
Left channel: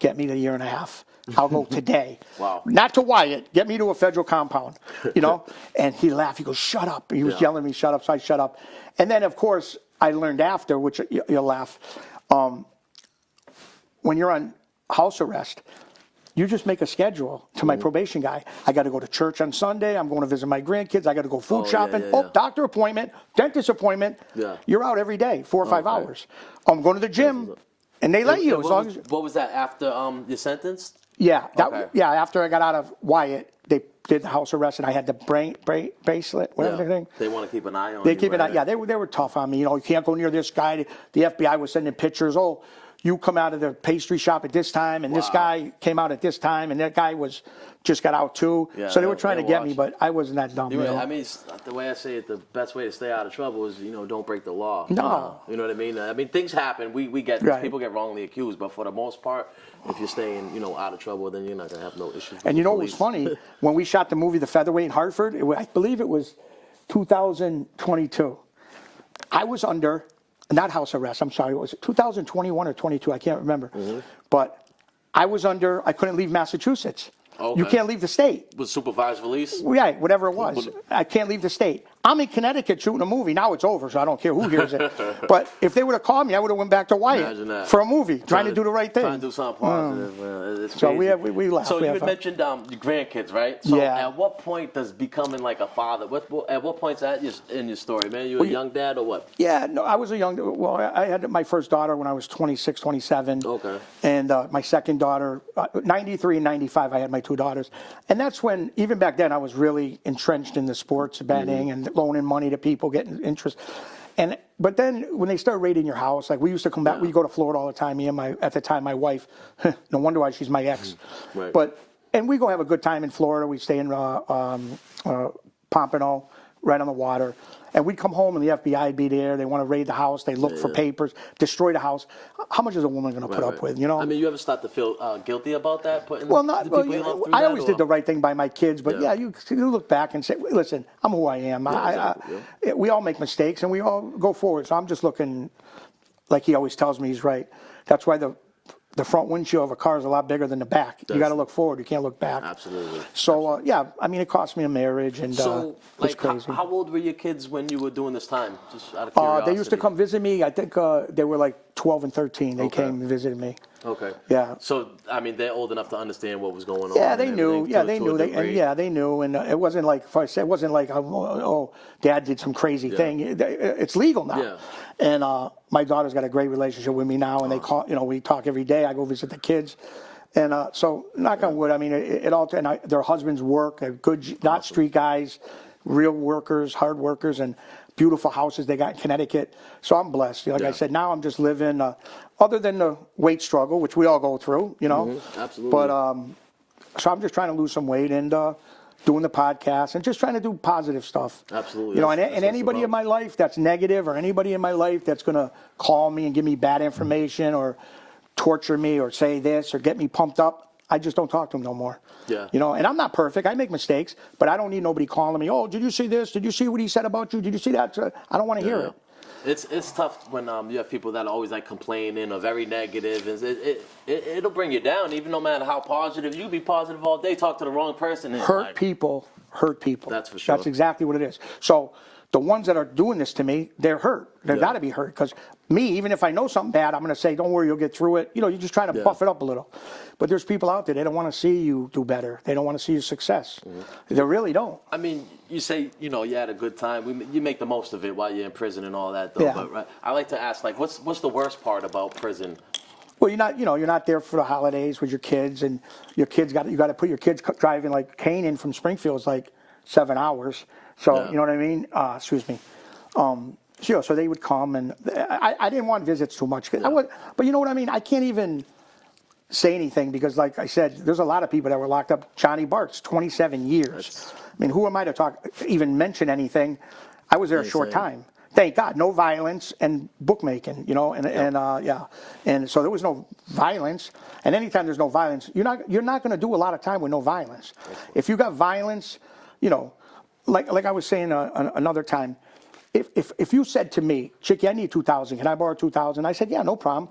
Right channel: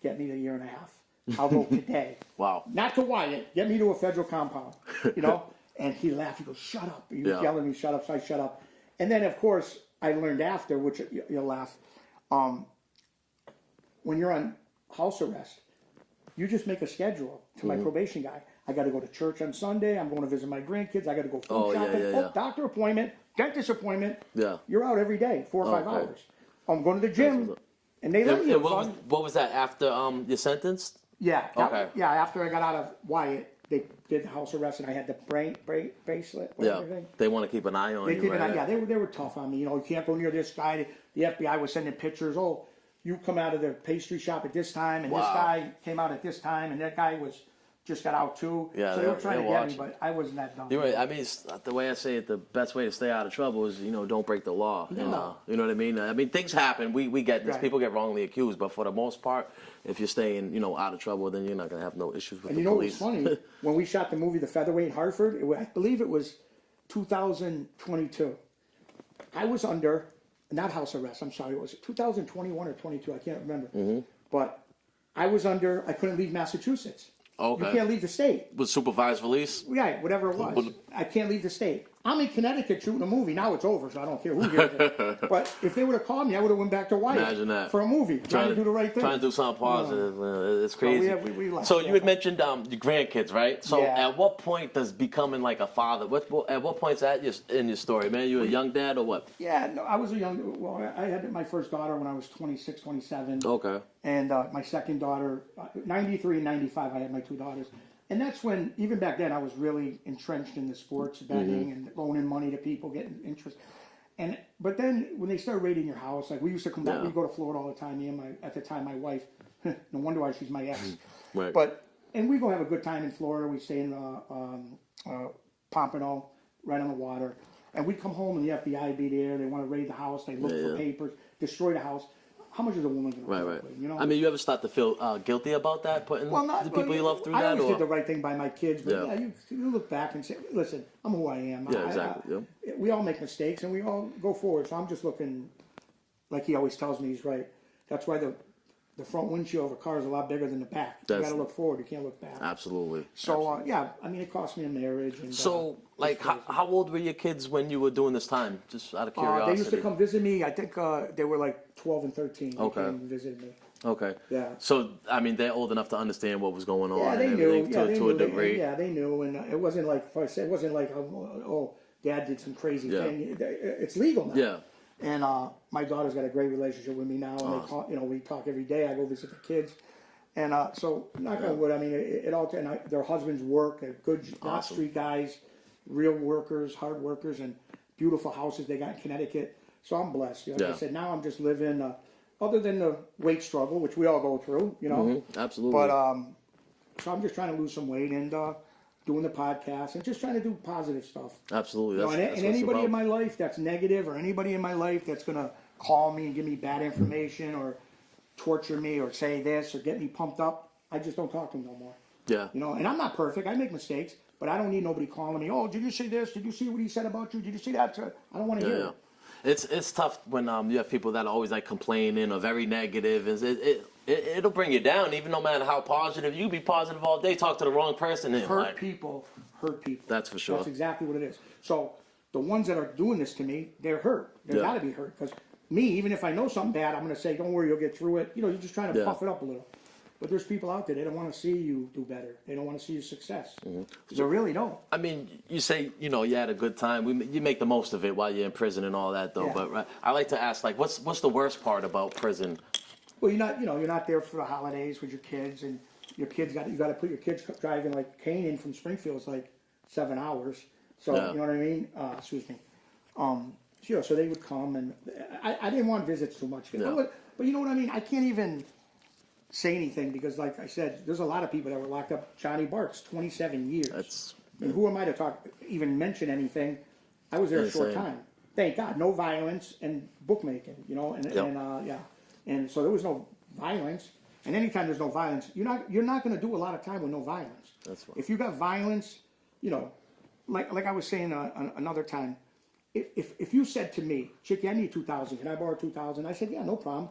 get me the year and a half. I'll go today. Wow. Not to Wyatt, get me to a federal compound, you know? And he laughed. He goes, shut up. He was yelling at me, shut up. So I shut up. And then, of course, I learned after, which you'll laugh, when you're on house arrest, you just make a schedule to my probation guy. I got to go to church on Sunday. I'm going to visit my grandkids. I got to go food shopping. Doctor appointment, dentist appointment. You're out every day, 4 or 5 hours. I'm going to the gym, and they let you. What was that after your sentence? Yeah, after I got out of Wyatt, they did the house arrest, and I had the bracelet, whatever thing. They want to keep an eye on you. They keep an eye. Yeah, they were tough on me. You know, you can't go near this guy. The FBI was sending pictures. Oh, you come out of the pastry shop at this time, and this guy came out at this time, and that guy just got out too. So they were trying to get me, but I wasn't that dumb. I mean, the way I say it, the best way to stay out of trouble is, you know, don't break the law. No. You know what I mean? I mean, things happen. We get this. People get wrongly accused, but for the most part, if you're staying, you know, out of trouble, then you're not going to have no issues with And you know what was funny? When we shot the movie The Featherweight in Hartford, I believe it was 2022. I was under, not house arrest, I'm sorry, it was 2021 or 22, I can't remember. But I was under, I couldn't leave Massachusetts. You can't leave the state. With supervised release? Right, whatever it was. I can't leave the state. I'm in Connecticut shooting a movie. Now it's over, so I don't care who hears it. But if they would have called me, I would have went back to Wyatt for a movie, trying to do the right thing. Trying to do something positive. It's crazy. So we laughed. So you had mentioned your grandkids, right? So at what point does becoming like a father, at what point's that in your story, man? You a young dad or what? Yeah, no, I was a young, well, I had my first daughter when I was 26, 27. Okay. And my second daughter, 93 and 95, I had my 2 daughters. And that's when, even back then, I was really entrenched in the sports betting and loaning money to people, getting interest. But then when they start raiding your house, like we used to come back, we go to Florida all the time. Me and at the time, my wife, no wonder why she's my ex. And we go have a good time in Florida. We stay in Pompano, right on the water. And we'd come home and the FBI would be there. They want to raid the house. They look for papers, destroy the house. How much is a woman going to put up with, you know? I mean, you ever start to feel guilty about that, putting Not the people you love through I that? always did the right thing by my kids, but you look back and say, listen, I'm who I am. Yeah, exactly. We all make mistakes and we all go forward. So I'm just looking, like he always tells me, he's right. That's why the front windshield of a car is a lot bigger than the back. You got to look forward. You can't look back. Absolutely. So I mean, it cost me a marriage, and so like, how old were your kids when you were doing this time? Just out of curiosity. They used to come visit me. I think they were like 12 and 13. They came and visited me. Okay. Yeah. So I mean, they're old enough to understand what was going on. Yeah, they knew. Yeah, they knew. They knew, and it wasn't like it wasn't like Dad did some crazy thing. It's legal now. Yeah. And my daughter's got a great relationship with me now, and they call. We talk every day. I go visit the kids, and so knock on wood. I mean, it all. And their husbands work. They're good, not street guys, real workers, hard workers, and beautiful houses they got in Connecticut. So I'm blessed. Like I said, now I'm just living. Other than the weight struggle, which we all go through, Absolutely. But so I'm just trying to lose some weight and doing the podcast and just trying to do positive stuff. Absolutely. And anybody in my life that's negative, or anybody in my life that's gonna call me and give me bad information or torture me or say this or get me pumped up, I just don't talk to them no more. Yeah. And I'm not perfect. I make mistakes, but I don't need nobody calling me. Oh, did you see this? Did you see what he said about you? Did you see that? So I don't want to hear it. It's tough when you have people that are always like complaining or very negative. It'll bring you down, even no matter how positive. You be positive all day, talk to the wrong person. And hurt people. That's for sure. That's exactly what it is. So the ones that are doing this to me, they're hurt. They've got to be hurt, because me, even if I know something bad, I'm going to say, don't worry, you'll get through it. You're just trying to buff it up a little. But there's people out there, they don't want to see you do better. They don't want to see you success. They really don't. I mean, you say, you had a good time. You make the most of it while you're in prison and all that, though. Yeah. But I like to ask, like, what's the worst part about prison? Well, you're not there for the holidays with your kids, and your kids you got to put your kids driving, like Canaan from Springfield is like 7 hours. So you know what I mean? Excuse me. So they would come, and I didn't want visits too much. But you know what I mean? I can't even say anything because, like I said, there's a lot of people that were locked up. Johnny Bart's 27 years. I mean, who am I to even mention anything? I was there a short time. Thank God, no violence and bookmaking, and so there was no violence. And anytime there's no violence, you're not going to do a lot of time with no violence. If you got violence, like I was saying another time, if you said to me, Chicky, I need $2,000. Can I borrow $2,000? I said, yeah, no problem.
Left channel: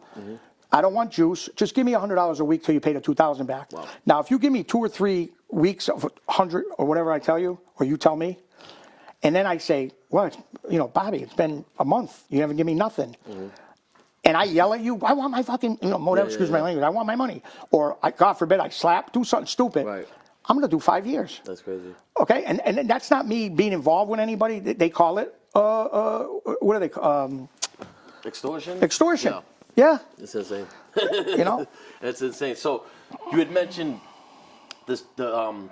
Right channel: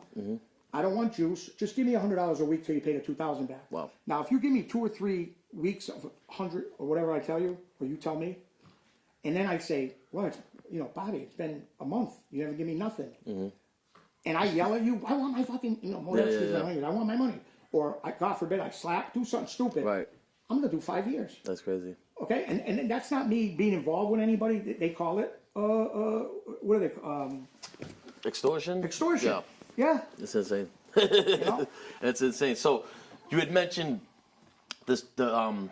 I don't want juice. Just give me $100 a week till you pay the $2,000 back. Wow. Now, if you give me 2 or 3 weeks of 100 or whatever I tell you, or you tell me, and then I say, well, Bobby, it's been a month. You haven't given me nothing. And I yell at you, I want my fucking, excuse my language, I want my money. Or, God forbid, I slap, do something stupid. Right. I'm going to do 5 years. That's crazy. Okay? And that's not me being involved with anybody. They call it, what do they Extortion? Extortion. Yeah. It's insane. It's insane. So you had mentioned the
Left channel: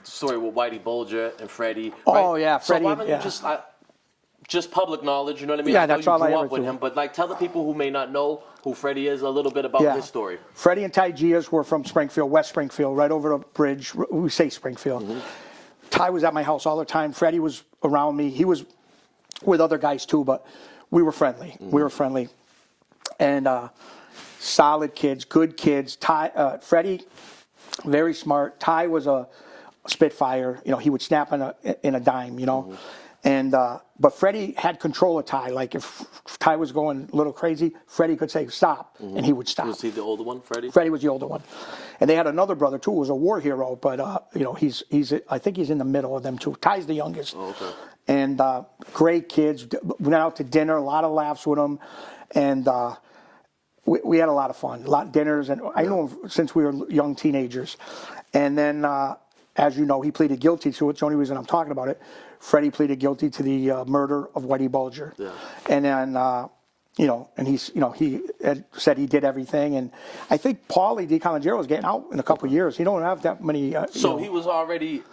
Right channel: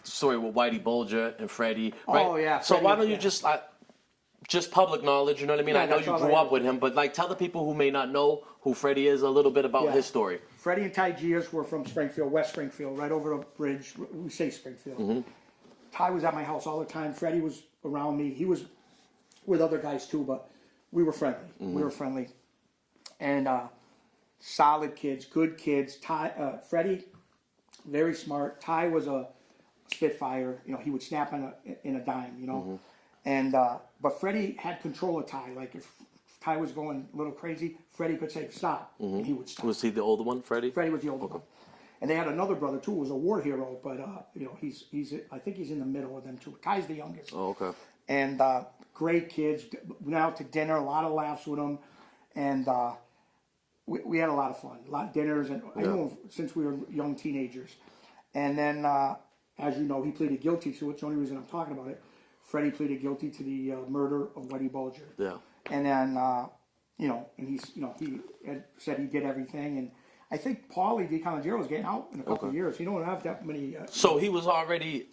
story with Whitey Bulger and Freddie. Right? Oh, yeah. Freddie, so why don't you just public knowledge, you know what I mean? I know you grew up with him, but tell the people who may not know who Freddie is a little bit about his story. Freddie and Ty Gias were from Springfield, West Springfield, right over the bridge. We say Springfield. Ty was at my house all the time. Freddie was around me. He was with other guys too, but we were friendly. We were friendly. And solid kids, good kids. Ty, Freddie, very smart. Ty was a spitfire. He would snap in a dime, And but Freddie had control of Ty. Like if Ty was going a little crazy, Freddie could say stop, and he would stop. Was he the older one, Freddie? Freddie was the older one, and they had another brother too, who was a war hero. But he's I think he's in the middle of them two. Ty's the youngest. Oh, okay. And great kids. Went out to dinner, a lot of laughs with them, and we had a lot of fun, a lot of dinners, and I know him since we were young teenagers. And then, as you know, he pleaded guilty, so it's the only reason I'm talking about it. Freddie pleaded guilty to the murder of Whitey Bulger. Yeah. And then, and he had said he did everything. And I think Paulie DiColangelo is getting out in a couple of years. He don't have that many. So he was already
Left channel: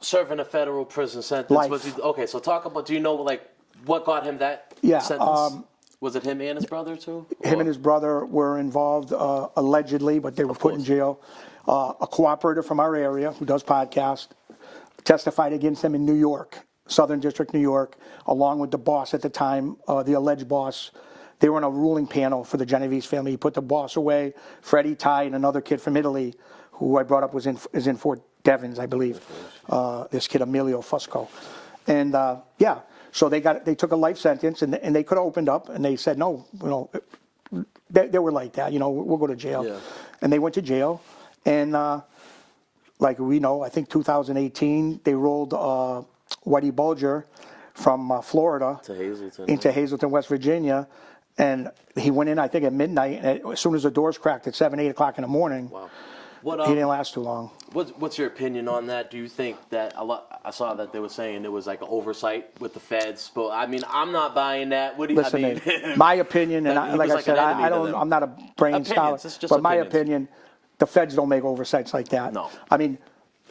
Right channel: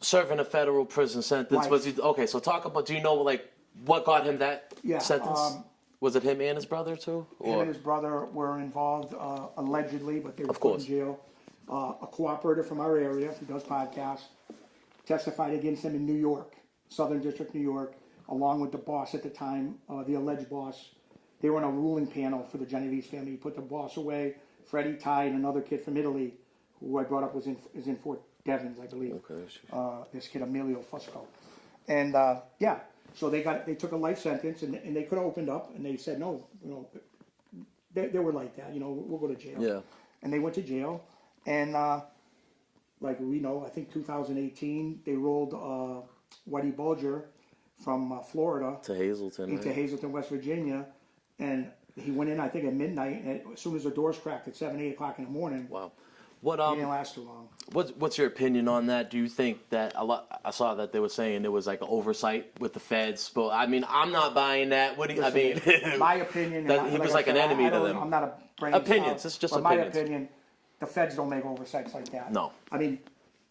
serving a federal prison sentence. Life. Was he okay? So talk about. Do you know what got him that sentence? Was it him and his brother too? Him and his brother were involved allegedly, but they were put in jail. A cooperator from our area who does podcasts testified against them in New York. Southern District, New York, along with the boss at the time, the alleged boss. They were on a ruling panel for the Genovese family. He put the boss away, Freddie, Ty, and another kid from Italy, who I brought up is in Fort Devens, I believe. This kid, Emilio Fusco. And yeah, so they took a life sentence, and they could have opened up, and they said, no, you know, they were like that, you know, we'll go to jail. Yeah. And they went to jail, and like we know, I think 2018, they rolled Whitey Bulger from Florida To Hazleton. into right? Hazleton, West Virginia, and he went in, I think, at midnight. And as soon as the doors cracked at 7, 8 o'clock in the morning, Wow. What he didn't last too long. What's your opinion on that? Do you think that I saw that they were saying it was like an oversight with the feds, but I mean, I'm not buying that. What do you? Listen, I mean, my opinion, and that he was I like said, an enemy I to don't, them. I'm not a brain Opinions, scholar, it's just but my opinions. opinion, the feds don't make oversights like that. No. I mean,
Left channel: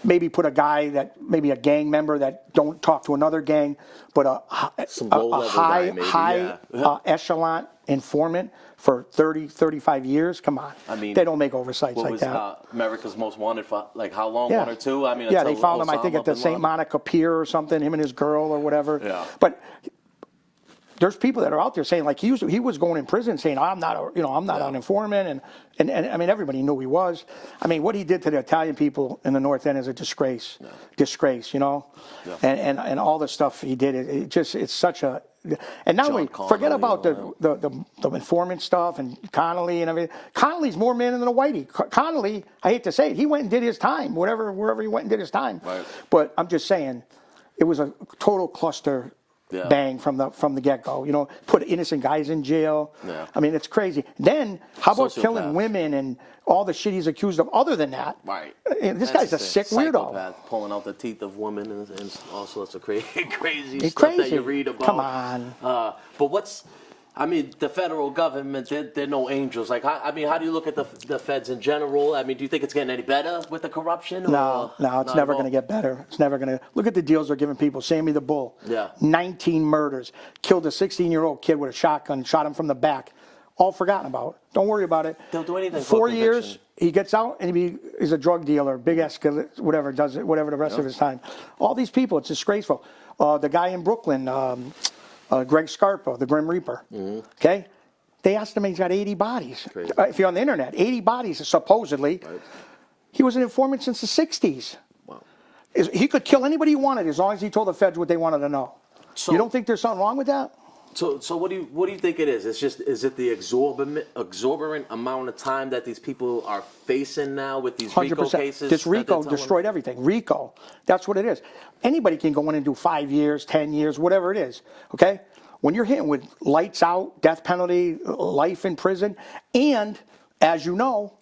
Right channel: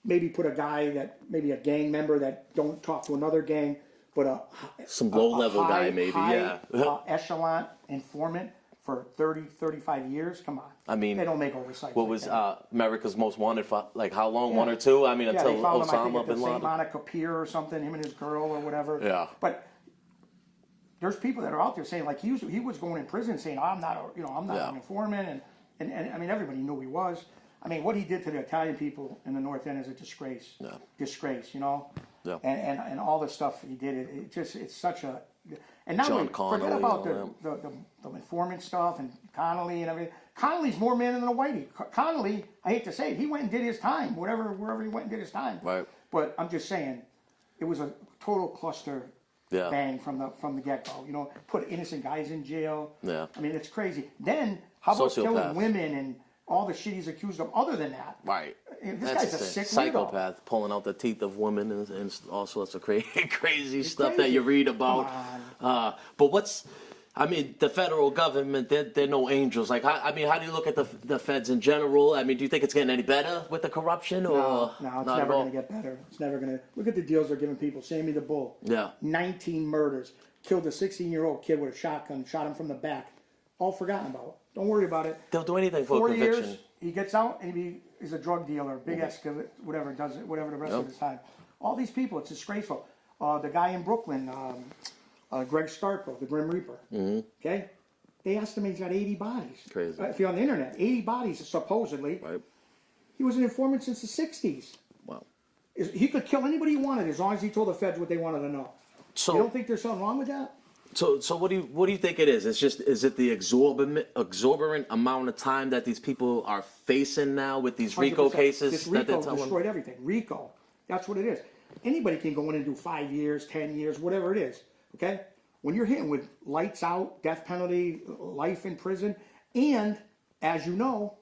maybe put a guy that, maybe a gang member that don't talk to another gang, but Some low-level guy, maybe, high yeah. echelon informant for 30, 35 years. Come on. I mean, they don't make oversights what like was that. America's Most Wanted for like how long? Yeah. 1 or 2? I mean, Yeah, until they found him, I Osama think, at the bin St. Laden. Monica Pier or something, him and his girl or whatever. Yeah. But there's people that are out there saying, like, he was going in prison saying, I'm not Yeah. an informant, and I mean, everybody knew he was. I mean, what he did to the Italian people in the North End is a disgrace. Yeah. Disgrace, you know? Yeah. And all the stuff he did, it's such a... And not John only, forget Connolly about and all the informant stuff and Connolly and everything. Connolly's more man than a Whitey. Connolly, I hate to say it, he went and did his time, wherever he went and did his time. Right. But I'm just saying, it was a total cluster Yeah. bang from the get-go. You know, put innocent guys in jail. Yeah. I mean, it's crazy. Then, how about Sociopath. killing women and all the shit he's accused of other than that? Right. This That's guy's a insane. sick weirdo. Psychopath, pulling out the teeth of women and all sorts of crazy It's stuff that crazy. you read about. Come on. But I mean, the federal government, they're no angels. Like, how do you look at the feds in general? I mean, do you think it's getting any better with the corruption? No, or it's not never at all? going to get better. It's never going to. Look at the deals they're giving people. Sammy the Bull. Yeah. 19 murders. Killed a 16-year-old kid with a shotgun. Shot him from the back. All forgotten about. Don't worry about it. They'll do anything for 4 years. conviction. He gets out and he's a drug dealer, big escalate, whatever the rest of his time. All these people, it's disgraceful. The guy in Brooklyn, Greg Scarpa, the Grim Reaper. Okay. They asked him, he's got 80 bodies. Crazy. If you're on the internet, 80 bodies supposedly. Right. He was an informant since the 60s. Wow. He could kill anybody he wanted as long as he told the feds what they wanted to know. So- you don't think there's something wrong with that? So what do you think it is? Is it the exorbitant amount of time that these people are facing now with these RICO 100%. cases? This that they're RICO telling- destroyed everything. RICO. That's what it is. Anybody can go in and do 5 years, 10 years, whatever it is. Okay? When you're hitting with lights out, death penalty, life in prison, and as you know,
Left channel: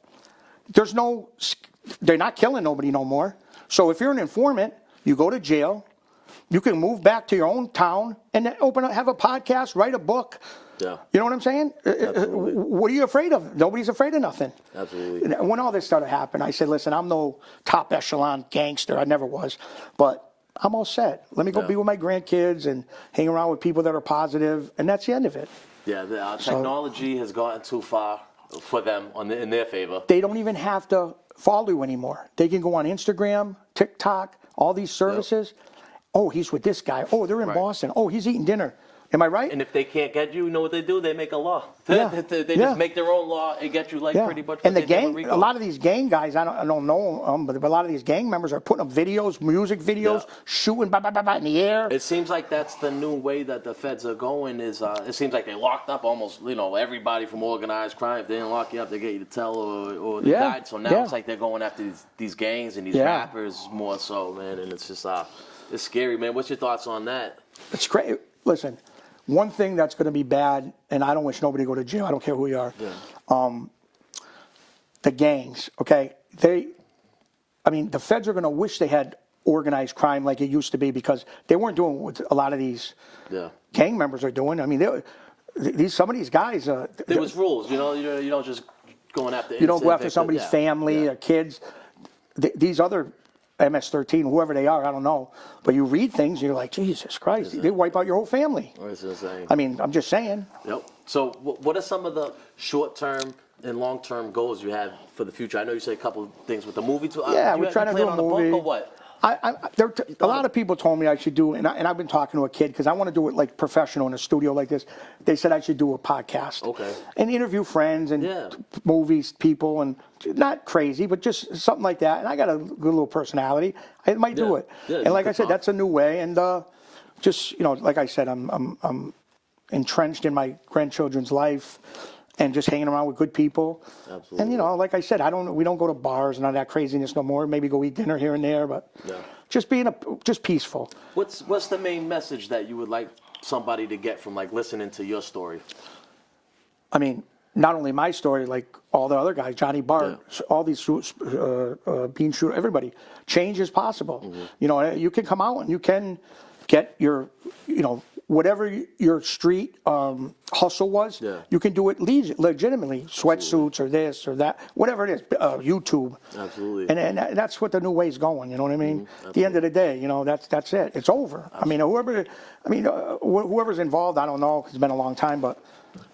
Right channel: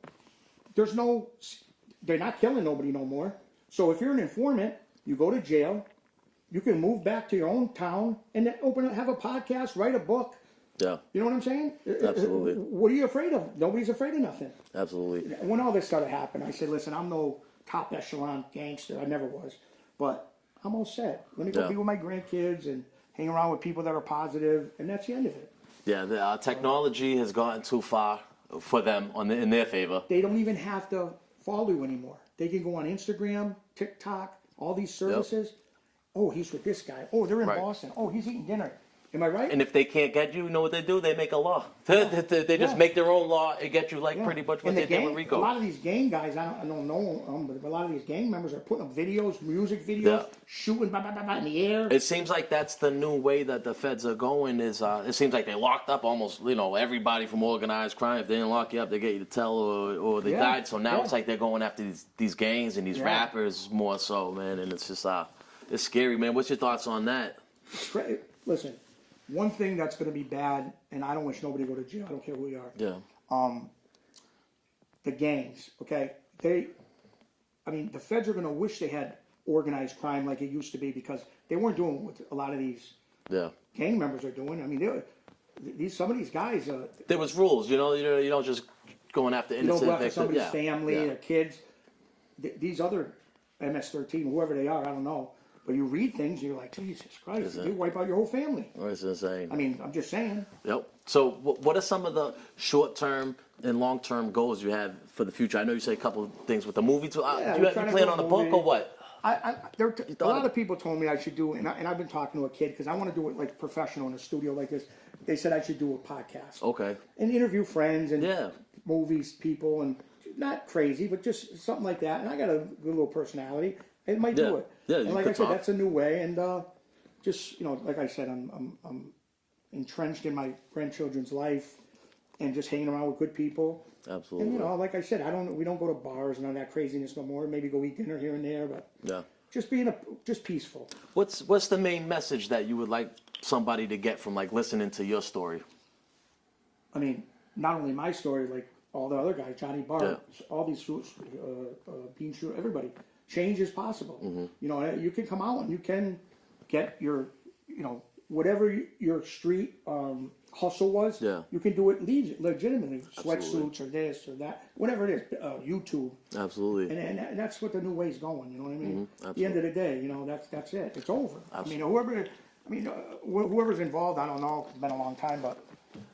they're not killing nobody no more. So if you're an informant, you go to jail, you can move back to your own town and then have a podcast, write a book. Yeah. You know what I'm saying? Absolutely. What are you afraid of? Nobody's afraid of nothing. Absolutely. When all this started happening, I said, listen, I'm no top echelon gangster. I never was. But I'm all set. Let me go Yeah. be with my grandkids and hang around with people that are positive, and that's the end of it. Yeah, the technology has gotten too far for them in their favor. They don't even have to follow you anymore. They can go on Instagram, TikTok, all these services. Oh, he's with this guy. Oh, they're in Right. Boston. Oh, he's eating dinner. Am I right? And if they can't get you, know what they do? They make a law. Yeah. They Yeah. just make their own law and get you like pretty much what and the they did with gang, RICO. a lot of these gang guys, I don't know them, but a lot of these gang members are putting up videos, music videos, Yeah. shooting in the air. It seems like that's the new way that the feds are going. It seems like they locked up almost everybody from organized crime. If they didn't lock you up, they get you to tell or they Yeah. died. So now Yeah. it's like they're going after these gangs and these Yeah. rappers more so, man. And it's just it's scary, man. What's your thoughts on that? It's crazy. Listen, one thing that's going to be bad, and I don't wish nobody to go to jail. I don't care who you are. Yeah. The gangs, okay? The feds are going to wish they had organized crime like it used to be because they weren't doing what a lot of these Yeah. gang members are doing. I mean, some of these guys. There was rules, you don't just going after You don't go innocent after victims. somebody's Yeah. family Yeah. or kids. These other MS-13, whoever they are, I don't know. But you read things, you're like, Jesus Christ, they wipe out your whole family. It's insane. I mean, I'm just saying. Yep. So, what are some of the short-term and long-term goals you have for the future? I know you said a couple of things with the movie too. Yeah, you we're trying to plan do a on a movie. book or what? A lot of people told me I should do, and I've been talking to a kid because I want to do it like professional in a studio like this. They said I should do a podcast. Okay. And interview friends and movies, people, and not crazy, but just something like that. And I got a good little personality. I might do it. Yeah, and like I said, that's a new way. And just, like I said, I'm entrenched in my grandchildren's life. And just hanging around with good people. Absolutely. And like I said, we don't go to bars and all that craziness no more. Maybe go eat dinner here and there, but just just peaceful. What's the main message that you would like somebody to get from like listening to your story? I mean, not only my story, like all the other guys, Johnny Bart, all these Bean Shooter, everybody. Change is possible. Mm-hmm. You can come out and you can get your, whatever your street hustle was, you can do it legitimately. Sweatsuits or this or that, whatever it is, YouTube. Absolutely. And that's what the new way's going, you know what I mean? At the end of the day, that's it. It's over. Absolutely. Whoever's involved, I don't know, 'cause it's been a long time, but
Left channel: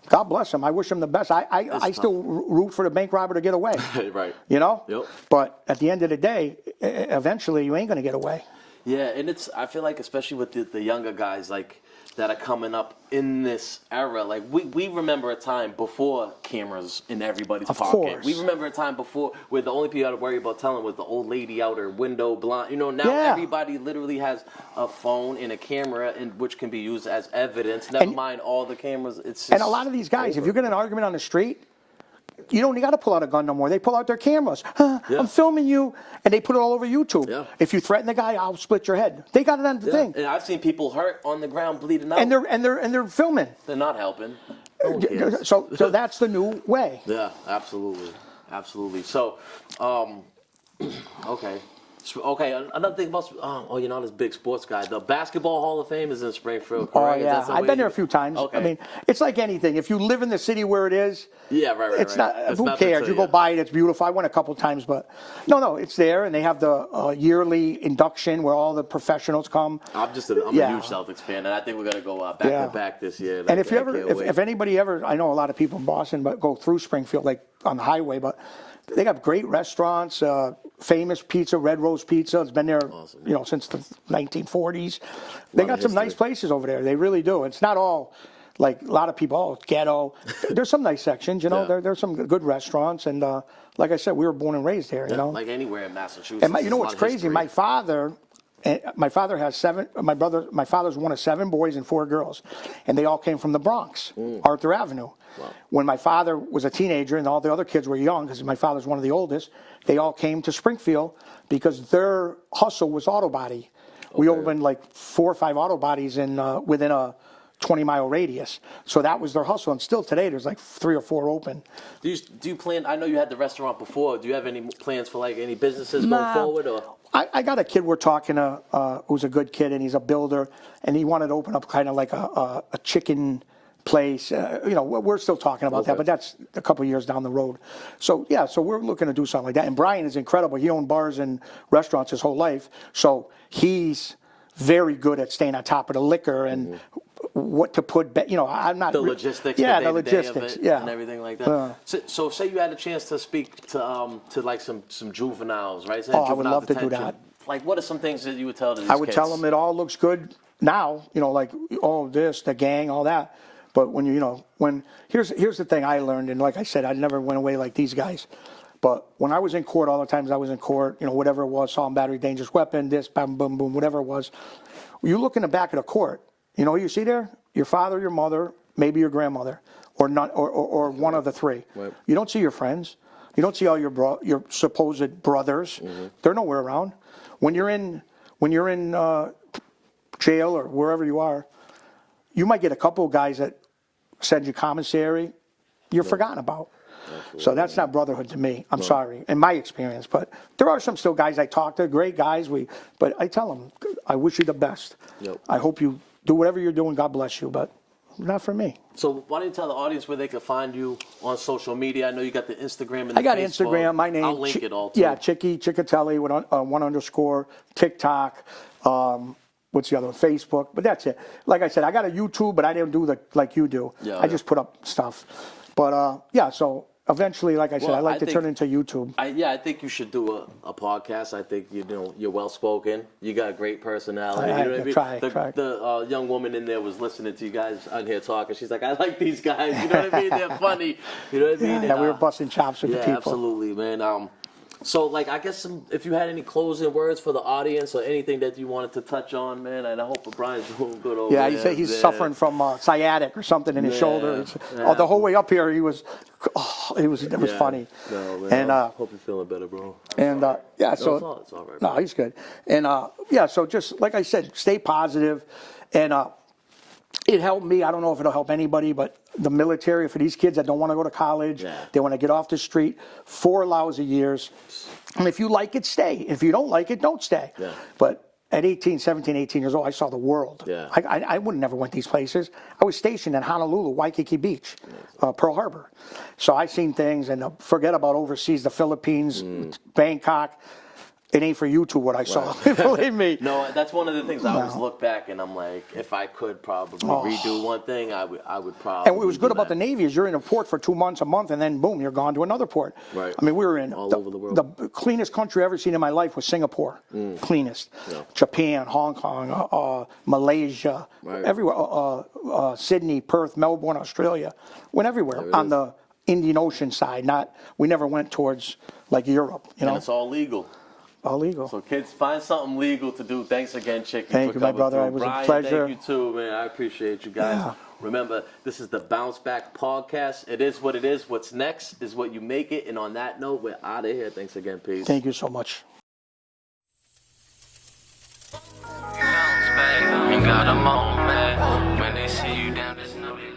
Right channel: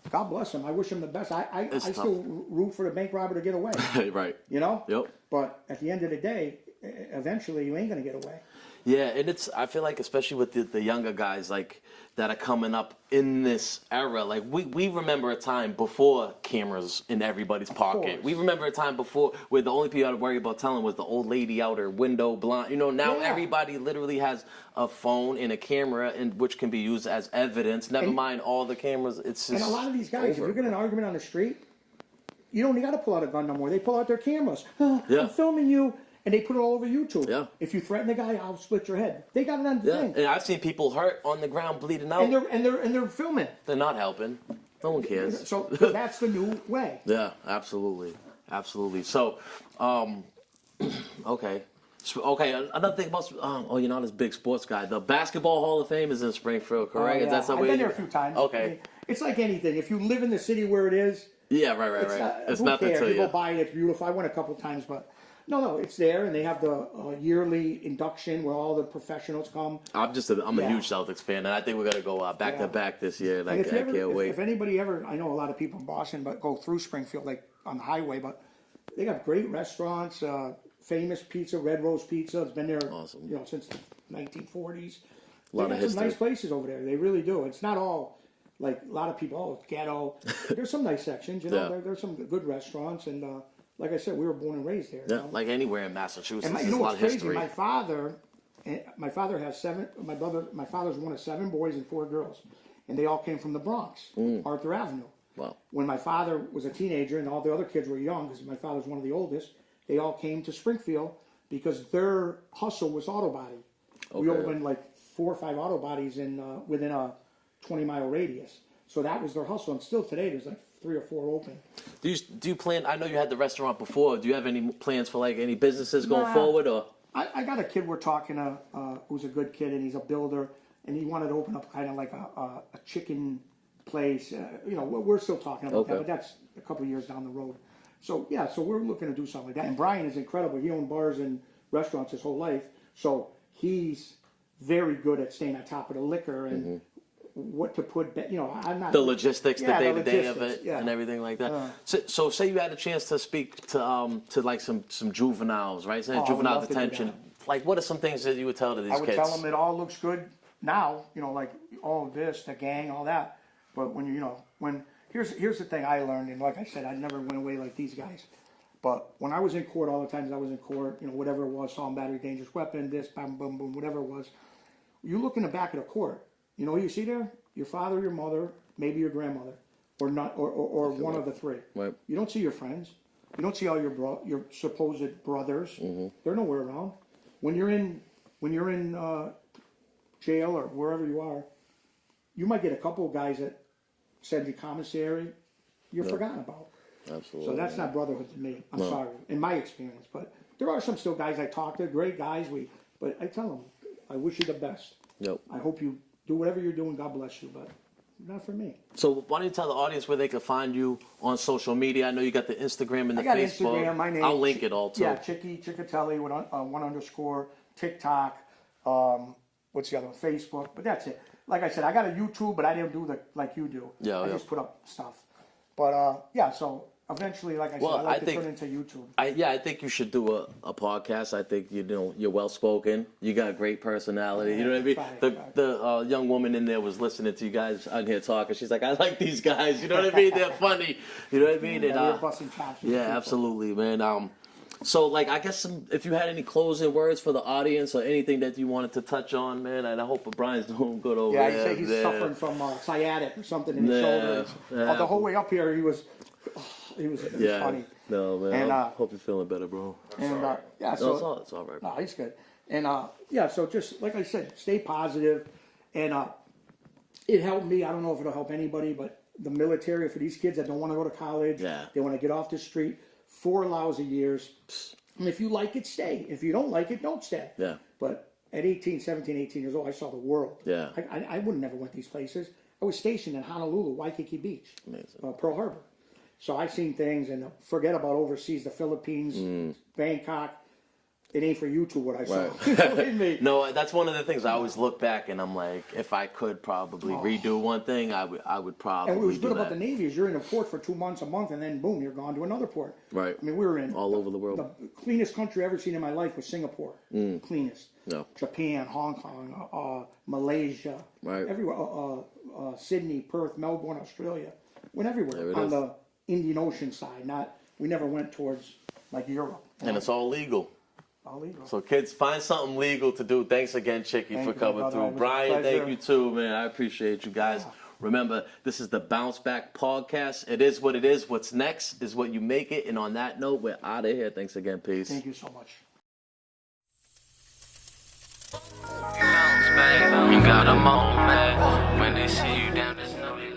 God bless him. I wish him the best. I still root for the bank robber to get away. Right. Yep. But at the end of the day, eventually you ain't going to get away. Yeah, and I feel like especially with the younger guys like that are coming up in this era, like we remember a time before cameras in everybody's pocket. Course. We remember a time before where the only people you had to worry about telling was the old lady out her window blind. Now everybody literally has a phone and a camera, which can be used as evidence. Never mind all the cameras. It's just and a lot of these guys, if you get in an argument on the street, you don't got to pull out a gun no more. They pull out their cameras. I'm filming you. And they put it all over YouTube. Yeah. If you threaten the guy, I'll split your head. They got it on the thing. And I've seen people hurt on the ground, bleeding out. And they're filming. They're not helping. No one cares. So that's the new way. Yeah, absolutely. So, okay. Another thing about you're not this big sports guy. The Basketball Hall of Fame is in Springfield, correct? Yeah. I've been there a few times. Okay. It's like anything. If you live in the city where it is, right. It's not. Who cares? You go by it. It's beautiful. I went a couple times, but no, it's there, and they have the yearly induction where all the professionals come. I'm a huge Celtics fan, and I think we're gonna go back to back this year. And if anybody ever, I know a lot of people in Boston, but go through Springfield like on the highway, but they got great restaurants. Famous pizza, Red Rose Pizza. It's been there, since the 1940s. They got some nice places over there. They really do. It's not all. Like a lot of people, it's ghetto. There's some nice sections, There's some good restaurants, and like I said, we were born and raised here. Like anywhere in Massachusetts. And what's crazy? My father has seven. My father's one of 7 boys and 4 girls, and they all came from the Bronx, Arthur Avenue. Wow. When my father was a teenager and all the other kids were young, because my father's one of the oldest, they all came to Springfield because their hustle was auto body. Okay. We opened like 4 or 5 auto bodies within a 20-mile radius. So that was their hustle. And still today, there's like 3 or 4 open. Do you plan, I know you had the restaurant before, do you have any plans for like any businesses going forward? Or? I got a kid we're talking to who's a good kid, and he's a builder, and he wanted to open up kind of like a chicken place. We're still talking about that, but that's a couple of years down the road. So we're looking to do something like that. And Brian is incredible. He owned bars and restaurants his whole life. So he's very good at staying on top of the liquor and what to put, I'm not... The logistics, the day-to-day of it, and everything like that. So say you had a chance to speak to like some juveniles, right? Say juvenile detention. Like, what are some things that you would tell to these kids? I would tell them it all looks good now, like, this, the gang, all that. But when here's the thing I learned, and like I said, I never went away like these guys. But when I was in court, all the times I was in court, whatever it was, assault and battery, dangerous weapon, this, boom, boom, boom, whatever it was, you look in the back of the court, what you see there? Your father, your mother, maybe your grandmother, or not, or one of the 3. Right. You don't see your friends. You don't see all your supposed brothers. Mm-hmm. They're nowhere around. When you're in jail or wherever you are, you might get a couple of guys that send you commissary. You're forgotten about. Absolutely, so that's not brotherhood to me. I'm sorry, in my experience. But there are some still guys I talk to, great guys. But I tell them, I wish you the best. Yep. I hope you do whatever you're doing. God bless you, but not for me. So why don't you tell the audience where they can find you on social media? I know you got the Instagram and the Facebook. I got Instagram. My name. I'll link it all too. Yeah, Cecchetelli with 1_. TikTok. What's the other one? Facebook. But that's it. Like I said, I got a YouTube, but I didn't do like you do. I just put up stuff. But so eventually, like I said, Well, I'd like I to think- turn into YouTube. I think you should do a podcast. I think you're well spoken. You got a great personality. You know what I mean? Try. The young woman in there was listening to you guys on here talking. She's like, I like these guys. You know what I mean? They're funny. You know what I mean? Yeah, And, we were busting chops with the yeah, people. absolutely, man. So, like, I guess if you had any closing words for the audience or anything that you wanted to touch on, man, and I hope Brian's doing good over Yeah, there. he's suffering from sciatic or something in his Yeah, shoulder. yeah. The whole way up here, it was funny. No, man. And, hope you're feeling better, bro. And yeah, so No, it's all right. no, he's good. And yeah, so just like I said, stay positive, and it helped me. I don't know if it'll help anybody, but the military, for these kids that don't want to go to college, Yeah. they want to get off the street, 4 lousy years. And if you like it, stay. If you don't like it, don't stay. Yeah. But at 17 years old, I saw the world. Yeah. I would have never went these places. I was stationed in Honolulu, Waikiki Beach, Pearl Harbor. So I seen things, and forget about overseas, the Philippines, Bangkok. It ain't for YouTube what I saw. Believe me. No, that's one of the things I always look back and I'm like, if I could probably redo one thing, I would probably. And what was good do about that. the Navy is you're in a port for 2 months, a month, and then boom, you're gone to another port. Right. I mean, we were in All over the world. The cleanest country I've ever seen in my life was Singapore. Cleanest. Yeah. Japan, Hong Kong, Malaysia, Right. everywhere. Sydney, Perth, Melbourne, Australia. Went everywhere There it on is. the Indian Ocean side. We never went towards like Europe. You know, And it's all legal. all legal. So kids, find something legal to do. Thanks again, Chicky, Thank for you, my coming brother. It through. was a Brian, pleasure. thank you too, man. I appreciate you guys. Yeah. Remember, this is the Bounce Back Podcast. It is what it is. What's next is what you make it. And on that note, we're out of here. Thanks again. Peace. Thank you so much. Bounce back, you got a moment. When they see you down, just know they